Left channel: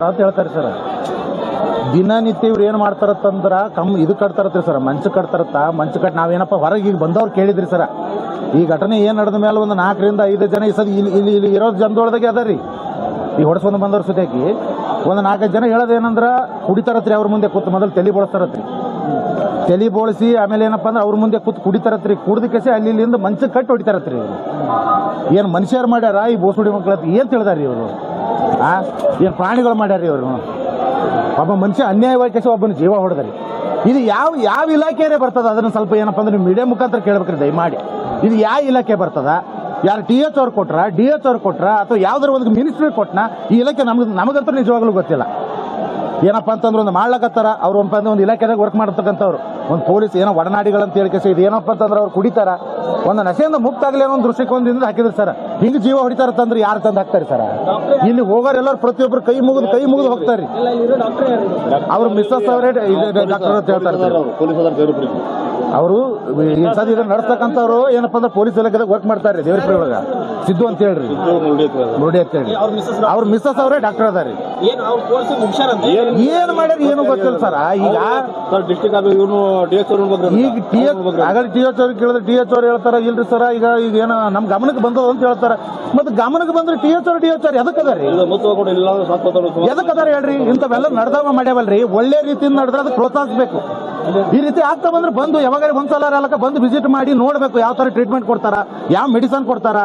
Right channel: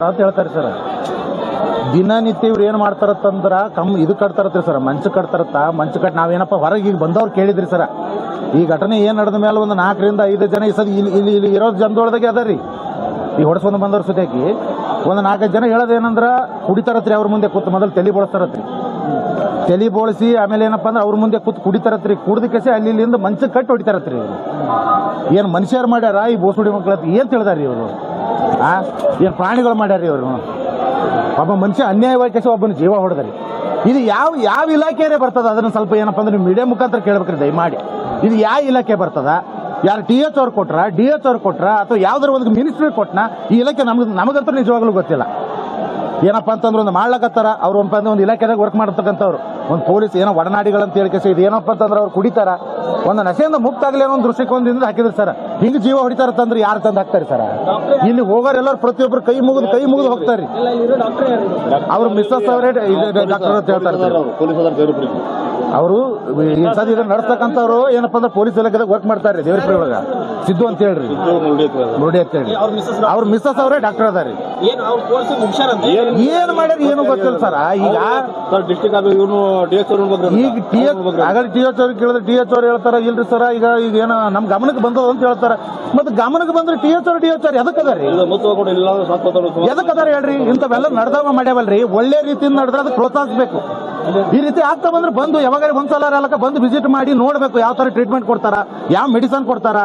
ಅಂತ ಹೇಳ್ತಾರೆ ಸರ್. ದಿನನಿತ್ಯ ಇವ್ರು ಏನು ಮಾಡ್ತಾರತ್ತಂದ್ರ ಇದು ಕಟ್ತಾರತ್ರಿ ಸರ್, ಮಂಚ ಕಟ್ತಾರತ್ತ. ಮಂಚ ಕಟ್ ನಾವೇನಪ್ಪ ಹೊರಗೆ ಈಗ ಬಂದವ್ರು ಕೇಳಿದ್ರಿ ಸರ್. ಈ ಘಟನೆ ಏನು ನಡೆದ ಮೇಲೆ ಒಂದು 4 ರಿಂದ 5 ಜನ ಈ ಸರಿ ಇಲ್ಲಿ ಇರೋ ಜನದೊಳದಾಗೆ ಅದ ರೀ. ಈ ಹೊಡ್ಸ್ಕೊಂಡು ಬಂದವ್ರ ಸುತ್ತಾಕಿ ಒಂದು 4-5 ಜನ ಹೇಳೋದೇನಂದ್ರ ಕುಡಿತಾರತ್ರಿ. ಅವ್ರ ಮುಂದೆ ಕೂತು ಮೊದಲು ತಲೆ ಬೋಳಿಸ್ತಾರತ್ರಿ. ತಲೆ ಬೋಳಿಸಿ ಆಮೇಲೆ ಏನಪ್ಪ ಅಂದ್ರೆ ಅವ್ರ ಮುಂದೆ ಕೂತು ಕುಡಿತಾರತ್ರಿ. ಕುಡ್ದಕ್ಕೆ ಇಲ್ಲಿಂದ ಮಂಚ ಕಟ್ಟಿ ಹೊಡಿತಾರತ್ರಿ ಇವರು. ಏನು ಮನುಷ್ಯರು ಮಾಡ್ಯಾರ ಈ ಬೋಸುಡಿ ಮಕ್ಕಳ ಏನ್ ತಿಳಿದಾರಿ ಇವರು? ಏನು ಪ್ರಾಣಿಗಳು ಮಾಡ್ಯಾರ ಇವರು? ಒಬ್ಬ ಮನುಷ್ಯ ಅನ್ಯಾಯವಾಗಿ ಒಬ್ಬನ ಜೀವ ಹೊಡೆದ್ರಿ. ಇದು ಯಾವ ಇಲಾಖೆಯೇ ಬರ್ತದ? ಅದನ್ನ ಸ್ವಲ್ಪ ಏನಪ್ಪ ಅಂದ್ರೆ ನೀವು ಮೀಡಿಯಾ ಮುಖಾಂತರ ಕೇಳ್ಬೇಕ್ರಿ ದಯಮಾಡಿ. ಇದು ಯಾವ ಇಲಾಖೆ ಬರ್ತದ? ಯಾರು TH ಅವ್ರು ಕೊಟ್ರ, DH ಅವ್ರು ಕೊಟ್ರ, ಅಥವಾ ಯಾವ್ದಾರ ಒಂದು ಮಿನಿಸ್ಟ್ರಿ ಕೊಟ್ಟನ? ಈ ಇಲಾಖೆ ನಮಗಂತೂ ನಿಜವಾಗ್ಲೂ ಗೊತ್ತಿಲ್ಲ. ಏನಪ್ಪ ಅಂತಂದ್ರೆ ಒಂದು ಮಾಡ್ಲಕತ್ತಾರ ಅವ್ರು ಒಂದು ಇಲಾಖೆದಾಗ ವರ್ಕ್ ಮಾಡತಕ್ಕಂಥವ್ರು, ಒಂದು ಪೊಲೀಸ್ ಏನೋ ಒಡನಾಡಿಗಳಂತ ಹೇಳಿಕೆ ಇದು ಏನಪ್ಪ ಅಂತಂದ್ರೆ ಅವ್ರು ಕುಡಿತಾರ, ಒಂದು ನಶೆಯಿಂದ ಮುಕ್ತ ಆಗಲಿ ಅನ್ನೋ ಒಂದು ದೃಷ್ಟಿಕೋನದಿಂದ ಹಾಕಿದ್ರು ಸರ್. ಹಿಂಗೆ ಜೀವ ಹೊಡಿತಾರತ್ತಂದ್ರೆ ಯಾರು ತಂದು ಹಾಕ್ತಾರೆ ಸರ್? ಇಲ್ಲಿ ಹೋಗೋರು ಎಲ್ಲರೂ ಪ್ರತಿಯೊಬ್ಬರು ಕೈ ಮುಗಿದು ಹೋಗ್ತಾರೆ. ಅವ್ರು ಮಿಸ್ಸಸ್ ಅವರೇ ಡಾಕ್ಟರ್ ಅಂತ ಹೇಳ್ತಾರೆ. ಅವರು ಇದನ್ನ ನಡೆಸ್ತಕ್ಕಂಥವ್ರು ಏನಪ್ಪ ಅಂದ್ರೆ ಪೊಲೀಸ್ ಇಲಾಖೆದಾಗ ವರ್ಕ್ ಮಾಡ್ತಾರೆ ದೇವರಪುರ ಒಳಗ. ಸಿದ್ದು ಅಂತ ಹೇಳ್ರಿ, ನೋಡಿ ಅಂತ ಹೇಳಿ. ಅವ್ರ ಮಿಸ್ಸಸ್ ಅವರೇ ಡಾಕ್ಟರ್ ಅದಾರಿ. ಏನ್ ಮಾಡ್ಯಾರ ಏನು ಗೊತ್ತಿಲ್ಲ ಸರ್. ಈಗ TH ಅವ್ರಿಗೆ ಕೇಳಿದ್ರೆ TH ಅವ್ರು ಹೇಳ್ತಾರ ಇಲ್ರಿ ಸರ್ ಈಗ ಏನೋ ನಮ್ ಗಮನಕ್ಕೆ ಬಂದದ ಅಂತ ಹೇಳ್ತಾರ. ಮತ್ತೆ ಗಮನಕ್ಕೆ ಬಂದ್ರೆ TH ಅವ್ರು ಎದಕ್ಕದಾರಿ? ಎದಕ್ಕದಾರ ಹೇಳ್ರಿ? ಇಂಥವೆಲ್ಲ ನಡೆದವ ಮಾಡ್ಯಾವಲ್ರಿ. ಒಳ್ಳೆ ರೀತಿಯಿಂದ ನಡೆದ್ರೆ ಅದಕ್ಕೆ ಪ್ರೋತ್ಸಾಹಿಸಬೇಕು. ಈ ರೀತಿ ಆಗ್ತಾ ಬಂದ್ರೆ ಬಂದು ಯಾವಾಗ ಒಂದ್ಸಲ ಅಲ್ಲಕ ಬಂದು ವಿಸಿಟ್ ಮಾಡಿ ನೋಡ್ಬೇಕು ಯಾವ ತರ ಟ್ರೀಟ್ಮೆಂಟ್ ಕೊಡ್ತಾರ, ಯಾವ ಮೆಡಿಸನ್ ಕೊಡ್ತಾರ,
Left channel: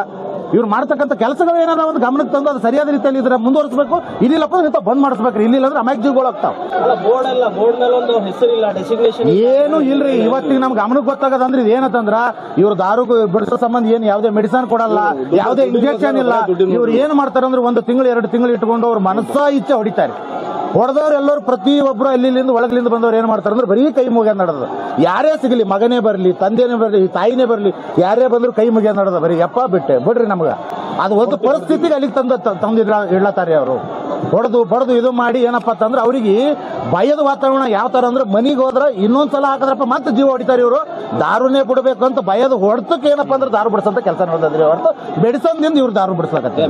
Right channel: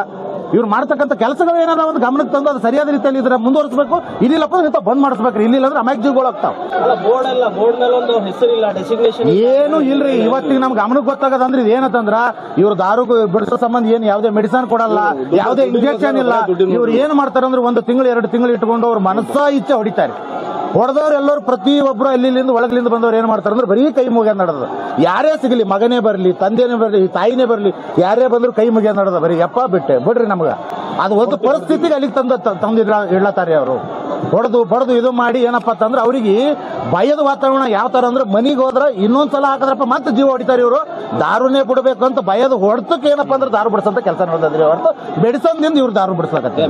ಇವ್ರು ಮಾಡ್ತಕ್ಕಂಥ ಕೆಲಸಗಳು ಏನಾರ ಒಂದು ಗಮನಕ್ಕೆ ತಂದು ಅದು ಸರಿಯಾದ ರೀತಿಯಲ್ಲಿ ಇದ್ರೆ ಮುಂದುವರಿಸಬೇಕು. ಇಲ್ಲಿಲ್ಲಪ್ಪ ಇಂಥ ಬಂದ್ ಮಾಡಿಸ್ಬೇಕ್ರಿ. ಇಲ್ಲಿಲ್ಲ ಅಂದ್ರೆ ಅಮಾಯಕ ಜೀವಗಳು ಆಗ್ತಾವ. ಏನು ಇಲ್ರಿ. ಇವತ್ತಿಗೆ ನಮ್ ಗಮನಕ್ಕೆ ಗೊತ್ತಾಗದ ಅಂದ್ರೆ ಇದು ಏನಂತಂದ್ರ ಇವ್ರು ದಾರು ಬಿಡಿಸೋ ಸಂಬಂಧ ಏನು ಯಾವುದೇ ಮೆಡಿಸನ್ ಕೊಡಲ್ಲ, ಯಾವುದೇ ಇಂಜೆಕ್ಷನ್ ಇಲ್ಲ. ಇವ್ರು ಏನ್ ಮಾಡ್ತಾರೆ ಅಂದ್ರೆ 1 ತಿಂಗಳು 2 ತಿಂಗಳು ಇಟ್ಕೊಂಡು ಅವ್ರ ಮನಸ್ಸಾ ಇಚ್ಛೆ ಹೊಡಿತಾರೆ. ಹೊಡೆದವ್ರು ಎಲ್ಲರೂ ಪ್ರತಿಯೊಬ್ಬರು ಅಲ್ಲಿಂದ ಒಳಗಲಿಂದ ಬಂದವ್ರು ಏನ್ ಮಾಡ್ತಾರೆ ಅಂದ್ರೆ ಬರೀ ಕೈ ಮುಗಿಯೋದು ನಡೆದ. ಯಾರೇ ಸಿಗಲಿ, ಮಗನೇ ಬರಲಿ, ತಂದೆನೇ ಬರಲಿ, ತಾಯಿನೇ ಬರಲಿ, ಯಾರೇ ಬಂದ್ರು ಕೈ ಮುಗಿಯೋದು ನಡೆದ. ಬರೀ ಯಪ್ಪ ಬಿಡ್ರಿ ನಮ್ಗ ಅದು ಒಂದು ಪರಿಸ್ಥಿತಿಗೆ ಅಲ್ಲಿಗೆ ಇಡ್ಲತ್ತಾರೆ ಅವರು. ಹೊಡೆದು ಇದು ಮಾಡಿ ಏನಪ್ಪಾ ಅಂತಂದ್ರೆ ಅವ್ರಿಗೆ ಭಯದ ವಾತಾವರಣ ಯಾವ ತರ ಅಂದ್ರೆ ಮನಿಗೆ ಹೋದ್ರ ಇನ್ನೊಂದ್ಸಲ ಹಾಕದ್ರಪ್ಪ ಮತ್ತೆ ಜೀವ ಹೊಡಿತಾರೆ ಇವರು. ದಾರುನೇ ಬಿಡಬೇಕು ಅಂತ ಭಯದ ಹೊಡೆತಕ್ಕೆ ಏನಪ್ಪಾ ಅಂದ್ರೆ ದಾರು ಬಿಡಿಸಂತ ಕೆಲಸ ನಡೆದ್ರಿ ಹೊರತು ಬೆಡಿಸೋದ್ರಿಂದ ಇವ್ರು ದಾರು ಬಿಡಿಸ್ಲಕತ್ತೆ.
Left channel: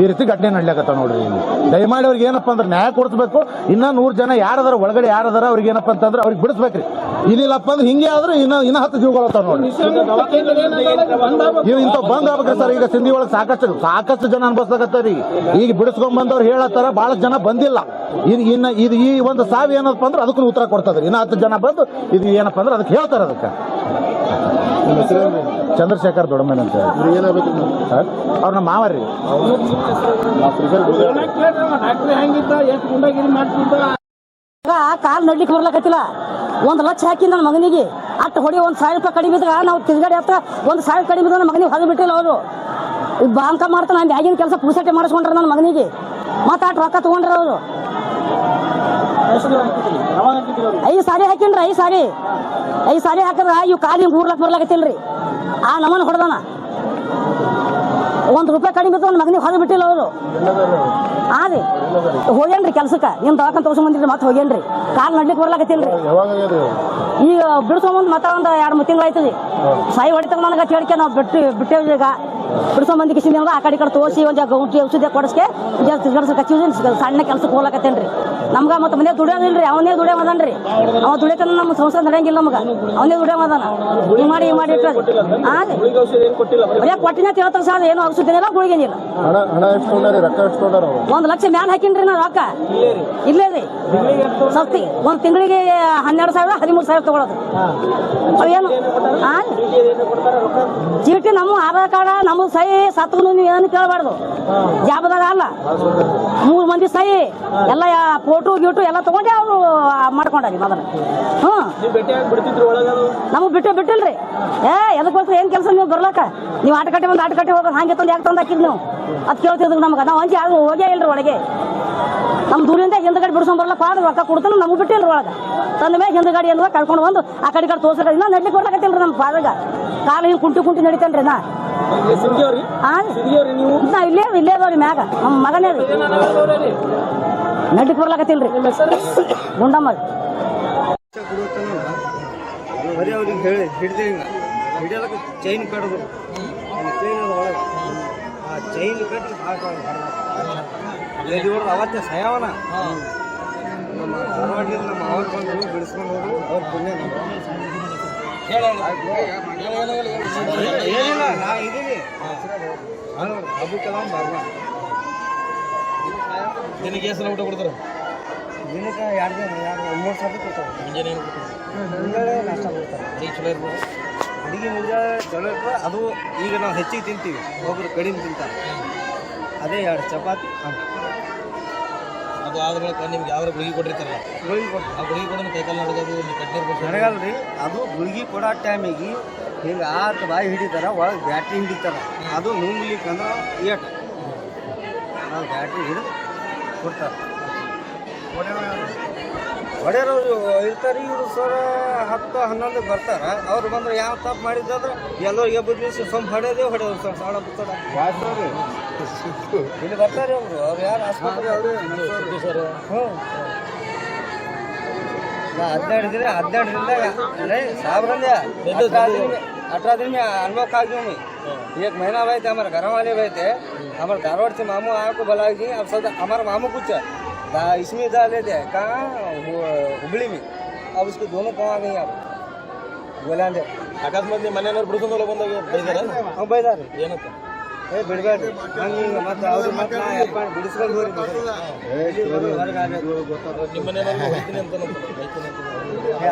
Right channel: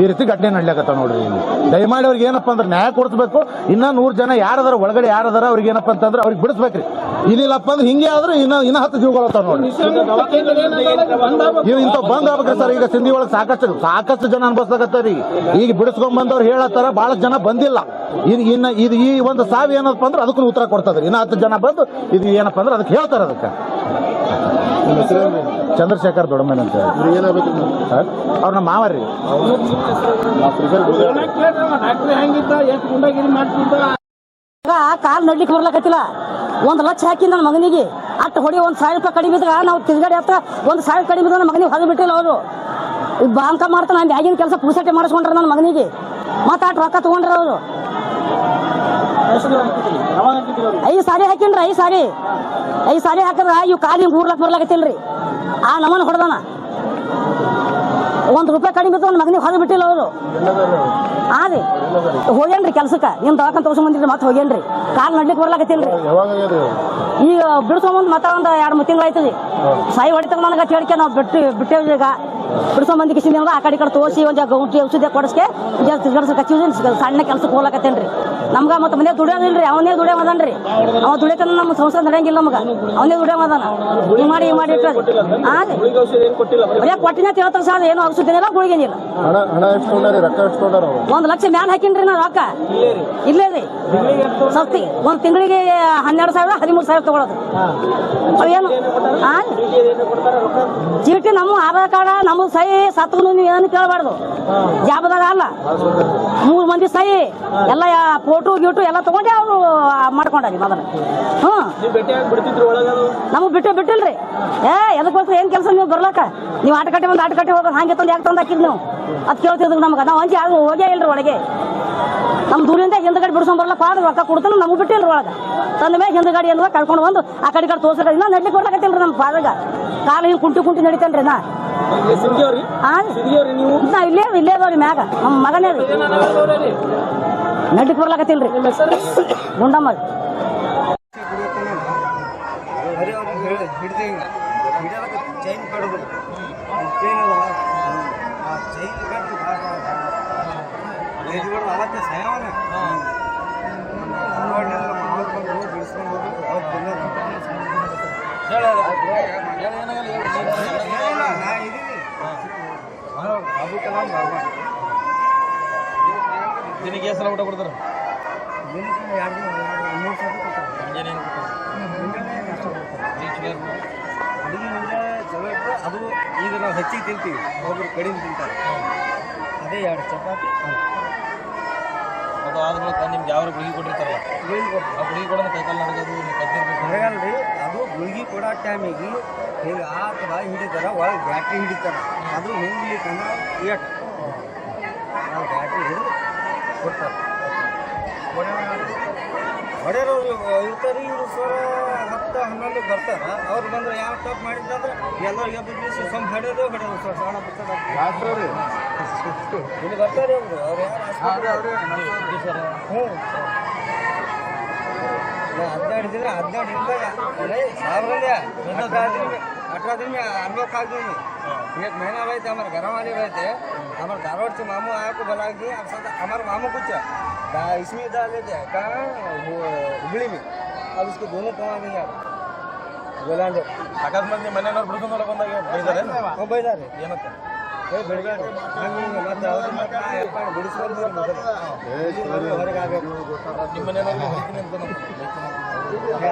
ಈ ರೀತಿ ಘಟನೆ ನಡ್ಲಿಕತ್ತ ನೋಡ್ರಿ. ಇಲ್ಲಿ ದಯಮಾಡಿ ಅವ್ರಿಗೆ ಏನಪ್ಪಾ ಅಂದ್ರೆ ನ್ಯಾಯ ಕೊಡಿಸ್ಬೇಕು. ಇನ್ನ 100 ಜನ ಯಾರದಾರ ಒಳಗಡೆ ಯಾರದಾರ ಅವ್ರಿಗೆ ಏನಪ್ಪಾ ಅಂತಂದ್ರೆ ಅವ್ರಿಗೆ ಬಿಡಿಸ್ಬೇಕ್ರಿ. ಇಲ್ಲಿಲ್ಲಪ್ಪ ಅಂದ್ರೆ ಹಿಂಗೆ ಆದ್ರೆ ಇನ್ನ 10 ಜೀವಗಳು ಅತ್ತಾವ ನೋಡ್ರಿ. ಇವ್ ಇಂಥ ಬಂದ್ ಆಗ್ಬೇಕ್ರಿ ಸರ್. ಈಗ ಸಿಂಧಿ ಒಳಗೆ ಸಾಕಷ್ಟು ಜನ ಅನ್ಭವಿಸ್ಲಾಕತ್ತಾರಿ. ಈಗ ಬಿಡಿಸ್ಕೊಂಡ್ ಬಂದವ್ರು ಹೇಳತ್ತಾರ, ಬಹಳಷ್ಟು ಜನ ಬಂದಿಲ್ಲ. ಇನ್ನ ಇದು ಈ ಒಂದು ಸಾವು ಏನಪ್ಪ ಅಂದ್ರೆ ಅದಕ್ಕೂ ಉತ್ತರ ಕೊಡ್ತದ್ರಿ. ಇನ್ನ 10 ಜನ ಬಂದು ಇದು ಏನಪ್ಪಾ ಅಂದ್ರೆ ಅದಕ್ಕೆ ಹೇಳ್ತಾರ. ಅದಕ್ಕೆ ಚಂದ್ರಶೇಖರ್ ದೊಡ್ಡಮನೆ ಅಂತ ಅವ್ರ ನಮ್ಮ ಮಾವರಿ. ಕಾಲ್ ನಡ್ಲಿಕ್ಕೆ ಬರ್ಲಕತ್ತಿಲ್ಲ. 1 ಲಕ್ಷ ಹಾಕಿ ನನ್ನ ಮಗನಿಗೆ ಅಟ್ಟು ಹೊಡಿ 1,000 ರೂಪಾಯಿ ಕಡಿಮೆ ಇದ್ದಾಗ ನಾವು ತಿರ್ಗಾಡಿ ಹತ್ತ 1,000 ಕಡಿಮೆ ಇದ್ದಾಗ ನನ್ನ ಮಗನಿಗೆ ಹೊರ ಬಿಟ್ಟಿಲ್ಲ. ಅವರು ಬಾಂಕ ಮಾಡ್ತಾನೆ ನಾನು ಆಗಿನ ಕೆಲಸ ಪೂಸಟೆ ಮಾಡಿಸ್ಕೊಂಡ್ರ ನನ್ನ ಮಗನಿಗೆ. ಮತ್ತೆ ಅಟ್ಟು ರೊಕ್ಕ ತಗೊಂಡ್ರ ಅವರು 5 ಸಾರಿ ಹಾಕಿನ್ರಿ. 5 ಸಾರಿ ಹಾಕಿದ್ರ ಇವ್ ಕಾಲಿ 3 ಲಕ್ಷ ಬರ್ಲಾಕತ್ತಿಲ್ರಿ. ಆ ನಮ್ಮನ್ನ ಹೊಡೆದಾನ. 1 ರೂಪಾಯಿ ಕಡಿಮೆ ಇತ್ತು ನನ್ನ ಮಗನಿಗೆ ಹೊರ ಬಿಟ್ಟಿಲ್ಲ ಅವರು. ಅದೇ ಹೋಗ್ಯಾನ್ರಿ ಕೆಲ್ಸಕ್ಕೆ. ನಿಮ್ ದವಾಖಾನೆ ತೋರ್ಸ್ಕೊಂಡ್ ಮತ್ತೆ ಹೋಗ್ಯಾನ್ರಿ. ಕಾಲ್ ನಡ್ಲಿಕ್ಕೆ ಬರ್ಲಾಕತ್ತಿಲ್ರಿ. ಈಗ ಬಿಡಿಸ್ಕೊಂಬಂದ್ ಮತ್ತೆ ಒಂದು 2-3 ತಿಂಗಳು ಆಯ್ತದೆ. ಸಾಯಿ ಹೊಡಿತಾಗ ನನಗೆ ಹೇಳಿಕೆ ನಾವು ಬಿಟ್ಟೇವಿ. ಈಗ ಬಿಡಿಸ್ಕೊಂಬಂದಿ ಕಿಸಿಂದ ಆ ಕಡೆ ತೋರಿಸಿ ಒಂದು ಗೌಂಟಿ ಔಷಧಿ ಕೊಡಿಸ್ಕೆ ಸಣ್ಣ ಕೆಲ್ಸಕ್ಕೆ ಹೋಗ್ಲಾಕತ್ತೇನ್ರಿ. ನಮ್ಗ ಮತ್ತೆ ಮನೆ ದುಡಿಯೋದಿಲ್ರಿ. ಅವನೇ ದುಡಿಯೋದನ್ರಿ. ಅವ ದುಡಿಯಕ ನಮ್ಮ ಸಂಸಾರ ನಡೆಯಂಗಿಲ್ಲ. ನಮಗ ಅವನೇ ದುಡಿಯೋದನ. ಮಾಡಿ ಇಟ್ಟದ ಬರೀ ಕೊಟ್ಟಿನ ಹೇಳ್ತಾರ ಸರ್. ಏನು ಔಷಧಿನಿಲ್ಲ, ಗುಳಿಗೇನಿಲ್ಲ. 1 ಲಕ್ಷ ಮ್ಯಾಲ ಹಾಕಿನ್ರಿ ನಾ ರೊಕ್ಕ. ಇಲ್ಲೇ ರೀ ಸಸ್ತಿ. 1 ತಿಂಗಳಿಗೆ 12,000 13,000 ತಗೊಳೋದು. ಅವೇನು ಚೀಟಿ ನಮ್ಮ ಆಧಾರ್ ಕಾರ್ಡ ನಮ್ಮ ಸಹಿ ಸತ್ತು ನೀವು ಏನು ಕೇಳಬಾರ್ದು ಜಾಬದಾಗ ಅಲ್ಲ 3 ಮಂದಿ ಸಹಿ ಎಲ್ಲ ಫೋಟೋ ಗೀಟು ಎಲ್ಲ ತಗೊಂಡೆ ಅವರು ಮಾಡ್ಕೊಂಡಾರಿ ಮೊದಲು ನಮಗ್ ಬಿಟ್ಟಿಲ್ರಿ ಎದಕ್ಕೋಸ್ಕರ ಏನ್ ಕೆಲಸ ನೀವು ಬರ್ಲಕ್ಕ ನೀವು ಆಟಕಟ್ಟೆ ಬಂದು ಆಟಕಟ್ಟೆ ಹೋಗೋದು ಹಂಗೆ ತಂದು ಯಾಕೆ ತಂದು ಹಾಕಿದ್ ನೀವು ಅದ್ ಕೇಳ್ತಿದ್ರು ನಮ್ಗೆ ನಾವು ಹಂಚಿ ಅದು ಹೋಗೇ ಇಲ್ರಿ ಒಳಗೆ ನಮ್ ದೂರಿಂದ ಹಿಂದ್ಗಡೆ ಬಿಡ್ಸ್ಕೊಂಡ್ ಬರ್ಲಕ್ಕ ಆದ್ರೆ ರೊಕ್ಕ ಕೊಡ್ತಾನೆ ನಮ್ಗೆ ಬಿಟ್ಟಿಲ್ರಿ ಒಳಗ ತಂದ ಮೇಲೆ ಹಿಂದ್ಗಡೆ ಎಲ್ಲ ಕರ್ಕೊಂಡು ಬಂದು ಆ ಕಡೆ ತೋರ್ಸ ಇನ್ನ ನಡ್ಲಿಕ್ಕೆ ಬರ್ಲಾಕತ್ತಿಲ್ರಿ ನಮ್ಮ ಪಾದಾಗ ಕಾಲ ಹಿಂಗ್ ಕುಂಟಿ ನಡಿತೇನ್ರಿ ನಾ ಇಲ್ಲೇ ಅದಾವ್ರಿ ಮ್ಯಾಗ ನಮ್ಮ ಮಗನೇ ರೀ ನಡ್ಲಿಕ್ಕೆ ಬರ್ಲಾಕತ್ತಿಲ್ರಿ ಗುಂಡಮ್ಮ ಬರೀ ಅವ್ರಿಗೆ ಹೇಳಿ ಹಿಡ್ದೆ ಹಿಡಿಯೋದಕ್ಕೆ ಚೈನ್ ಕಡ್ದು ಚೈನ್ ಆ ಚೈನ್ ಕಟ್ಟಿ ಎದ್ದು ಹೊಡೆದು ಅವತ್ತೇ ಸಯಾವನ ನಮ್ಮ ಧಾರವಾಡದಿಂದ ನಮ್ಮ ಅವ್ರು ಬಂದರು ಬಿಡಿಸ್ಕೊಂಡು ಹೋದ್ರು ಅವ್ರು ಬಂದ ಏನಿಲ್ಲ ನಾ ಇದ್ದೀನಿ ಅಬ್ದುಲ್ ಕಲಾಂ ಬಾಬಾ ದಿನಕ್ಕೆ ಎಷ್ಟು ಸಲ ಊಟ ಕೊಡ್ತಾರೆ ದಿನಕ್ಕೆ 2-3 ಸರ್ತಿ ಕೊಡ್ತಾರೆ ಮುಂಜಾನೆ ನಾಷ್ಟ ಕೊಡ್ತಾರೆ ಅಡುಗೆ ಮುಂಜಾನೆ ಚಲೋ ಇರ್ತದೆ ಅದು ಈಗ ನಾವು ಹೆಚ್ಚಿಗೆ ತಿಂತೀವಿ ಒಬ್ಬರು ಕಡಿಮೆ ತಿಂತಾರೆ ಅದೇ 2 ಚಪಾತಿ ಅದು ಆದ ಬಳಿಕ ನಿಮ್ಗೆ ಯಾವ ಗುಳಿಗೆ ಕೊಟ್ಟಿರ್ತಾರಲ್ಲ ಆ ಗುಳಿಗೆ ಕೊಡೋಣ ಕೈಕಾಲು ನಡಗೋದು ನೀವು ಕಟ್ಟಿರ್ಬೇಕು ನನಗಲ್ರಿ ಅದು ಗುಳಿಗೆ ಕೊಡೋ ಟೈಮಿಗೆ ಹಿಂಗೆ ಆತು ಬಾಯಿ ಹಿಡಿತಾರೆ ಒಳಗೆ ಬ್ಯಾಟ್ರಿ ಹಿಡಿತಾರೆ ಅದು ನುಂಗ್ಲಿಕ್ಕಂದ್ರೆ ಏಟ್ ನಾವು ಬ್ಯಾಟ್ರಿ ಹಿಡಿದು ಕೊಡ್ತಾರೆ ಹೊಡೆಯೋರು ಇರ್ತಾರೆ ಇವರು ಸರ್ 10-11 ಬರ್ತಾರೆ ಅವ್ರು ಬಂದ್ರೆ ಯಾವ ತಪ್ಪು ಮಾಡಿದ್ರೆ ಎಲ್ಲರಿಗೆ ಬದಲಿಸಿ ಸೊಂಬ ಹೊಡೆಯೋದು ಸರ್ ಸಾಡ ಬಿಡ್ತಾರೆ ಇಲ್ಲಿ ಬರ್ತಾರೆ ಅವರು ಅವ್ರು ಯಾರು ಆಸ್ಪತ್ರೆ ಹ್ಞೂ ನಾ 12 ಇದ್ದರೆ 12ರಿಂದ नहीं 18 दिन में अनलॉक आ गया मैं 1 महीना रहे थे हमारे घर वाले रहे थे हमारे धारवाड़ से मामू आया को बुला के अब सब हमारे मामू कुछ इसमें डाले थे कहाँ हुबली में अब उसको दोनों पाँव आ गई आप बोलांगे ಅಕಸ್ಮಾತ್ ನಿಮ್ಮ ಮನೆಯವ್ರು ಬಿಡಿಸೋದಲ್ಲ ಬಂದಾಗ ಬೈದಾರೆ हम ಬೈದಾರೆ ಏನಂತ ಬಿಡಬೇಡ್ರಿ ಹಂಗೆ ಮತ್ತೆ ಅವ್ರಿಗೆ ಮತ್ತೆ ನಾ ಯಪ್ಪ ಬಿಡಿಸ್ಕೊಂಡು ಹೋಗ್ರಿ ಮಗರು ಹೊರಗೆ ಆಗಬೇಕು ನಿಮ್ಮ ಮನೆಯವ್ರು ಹೋಗ್ತೀನಿ ಅಂತ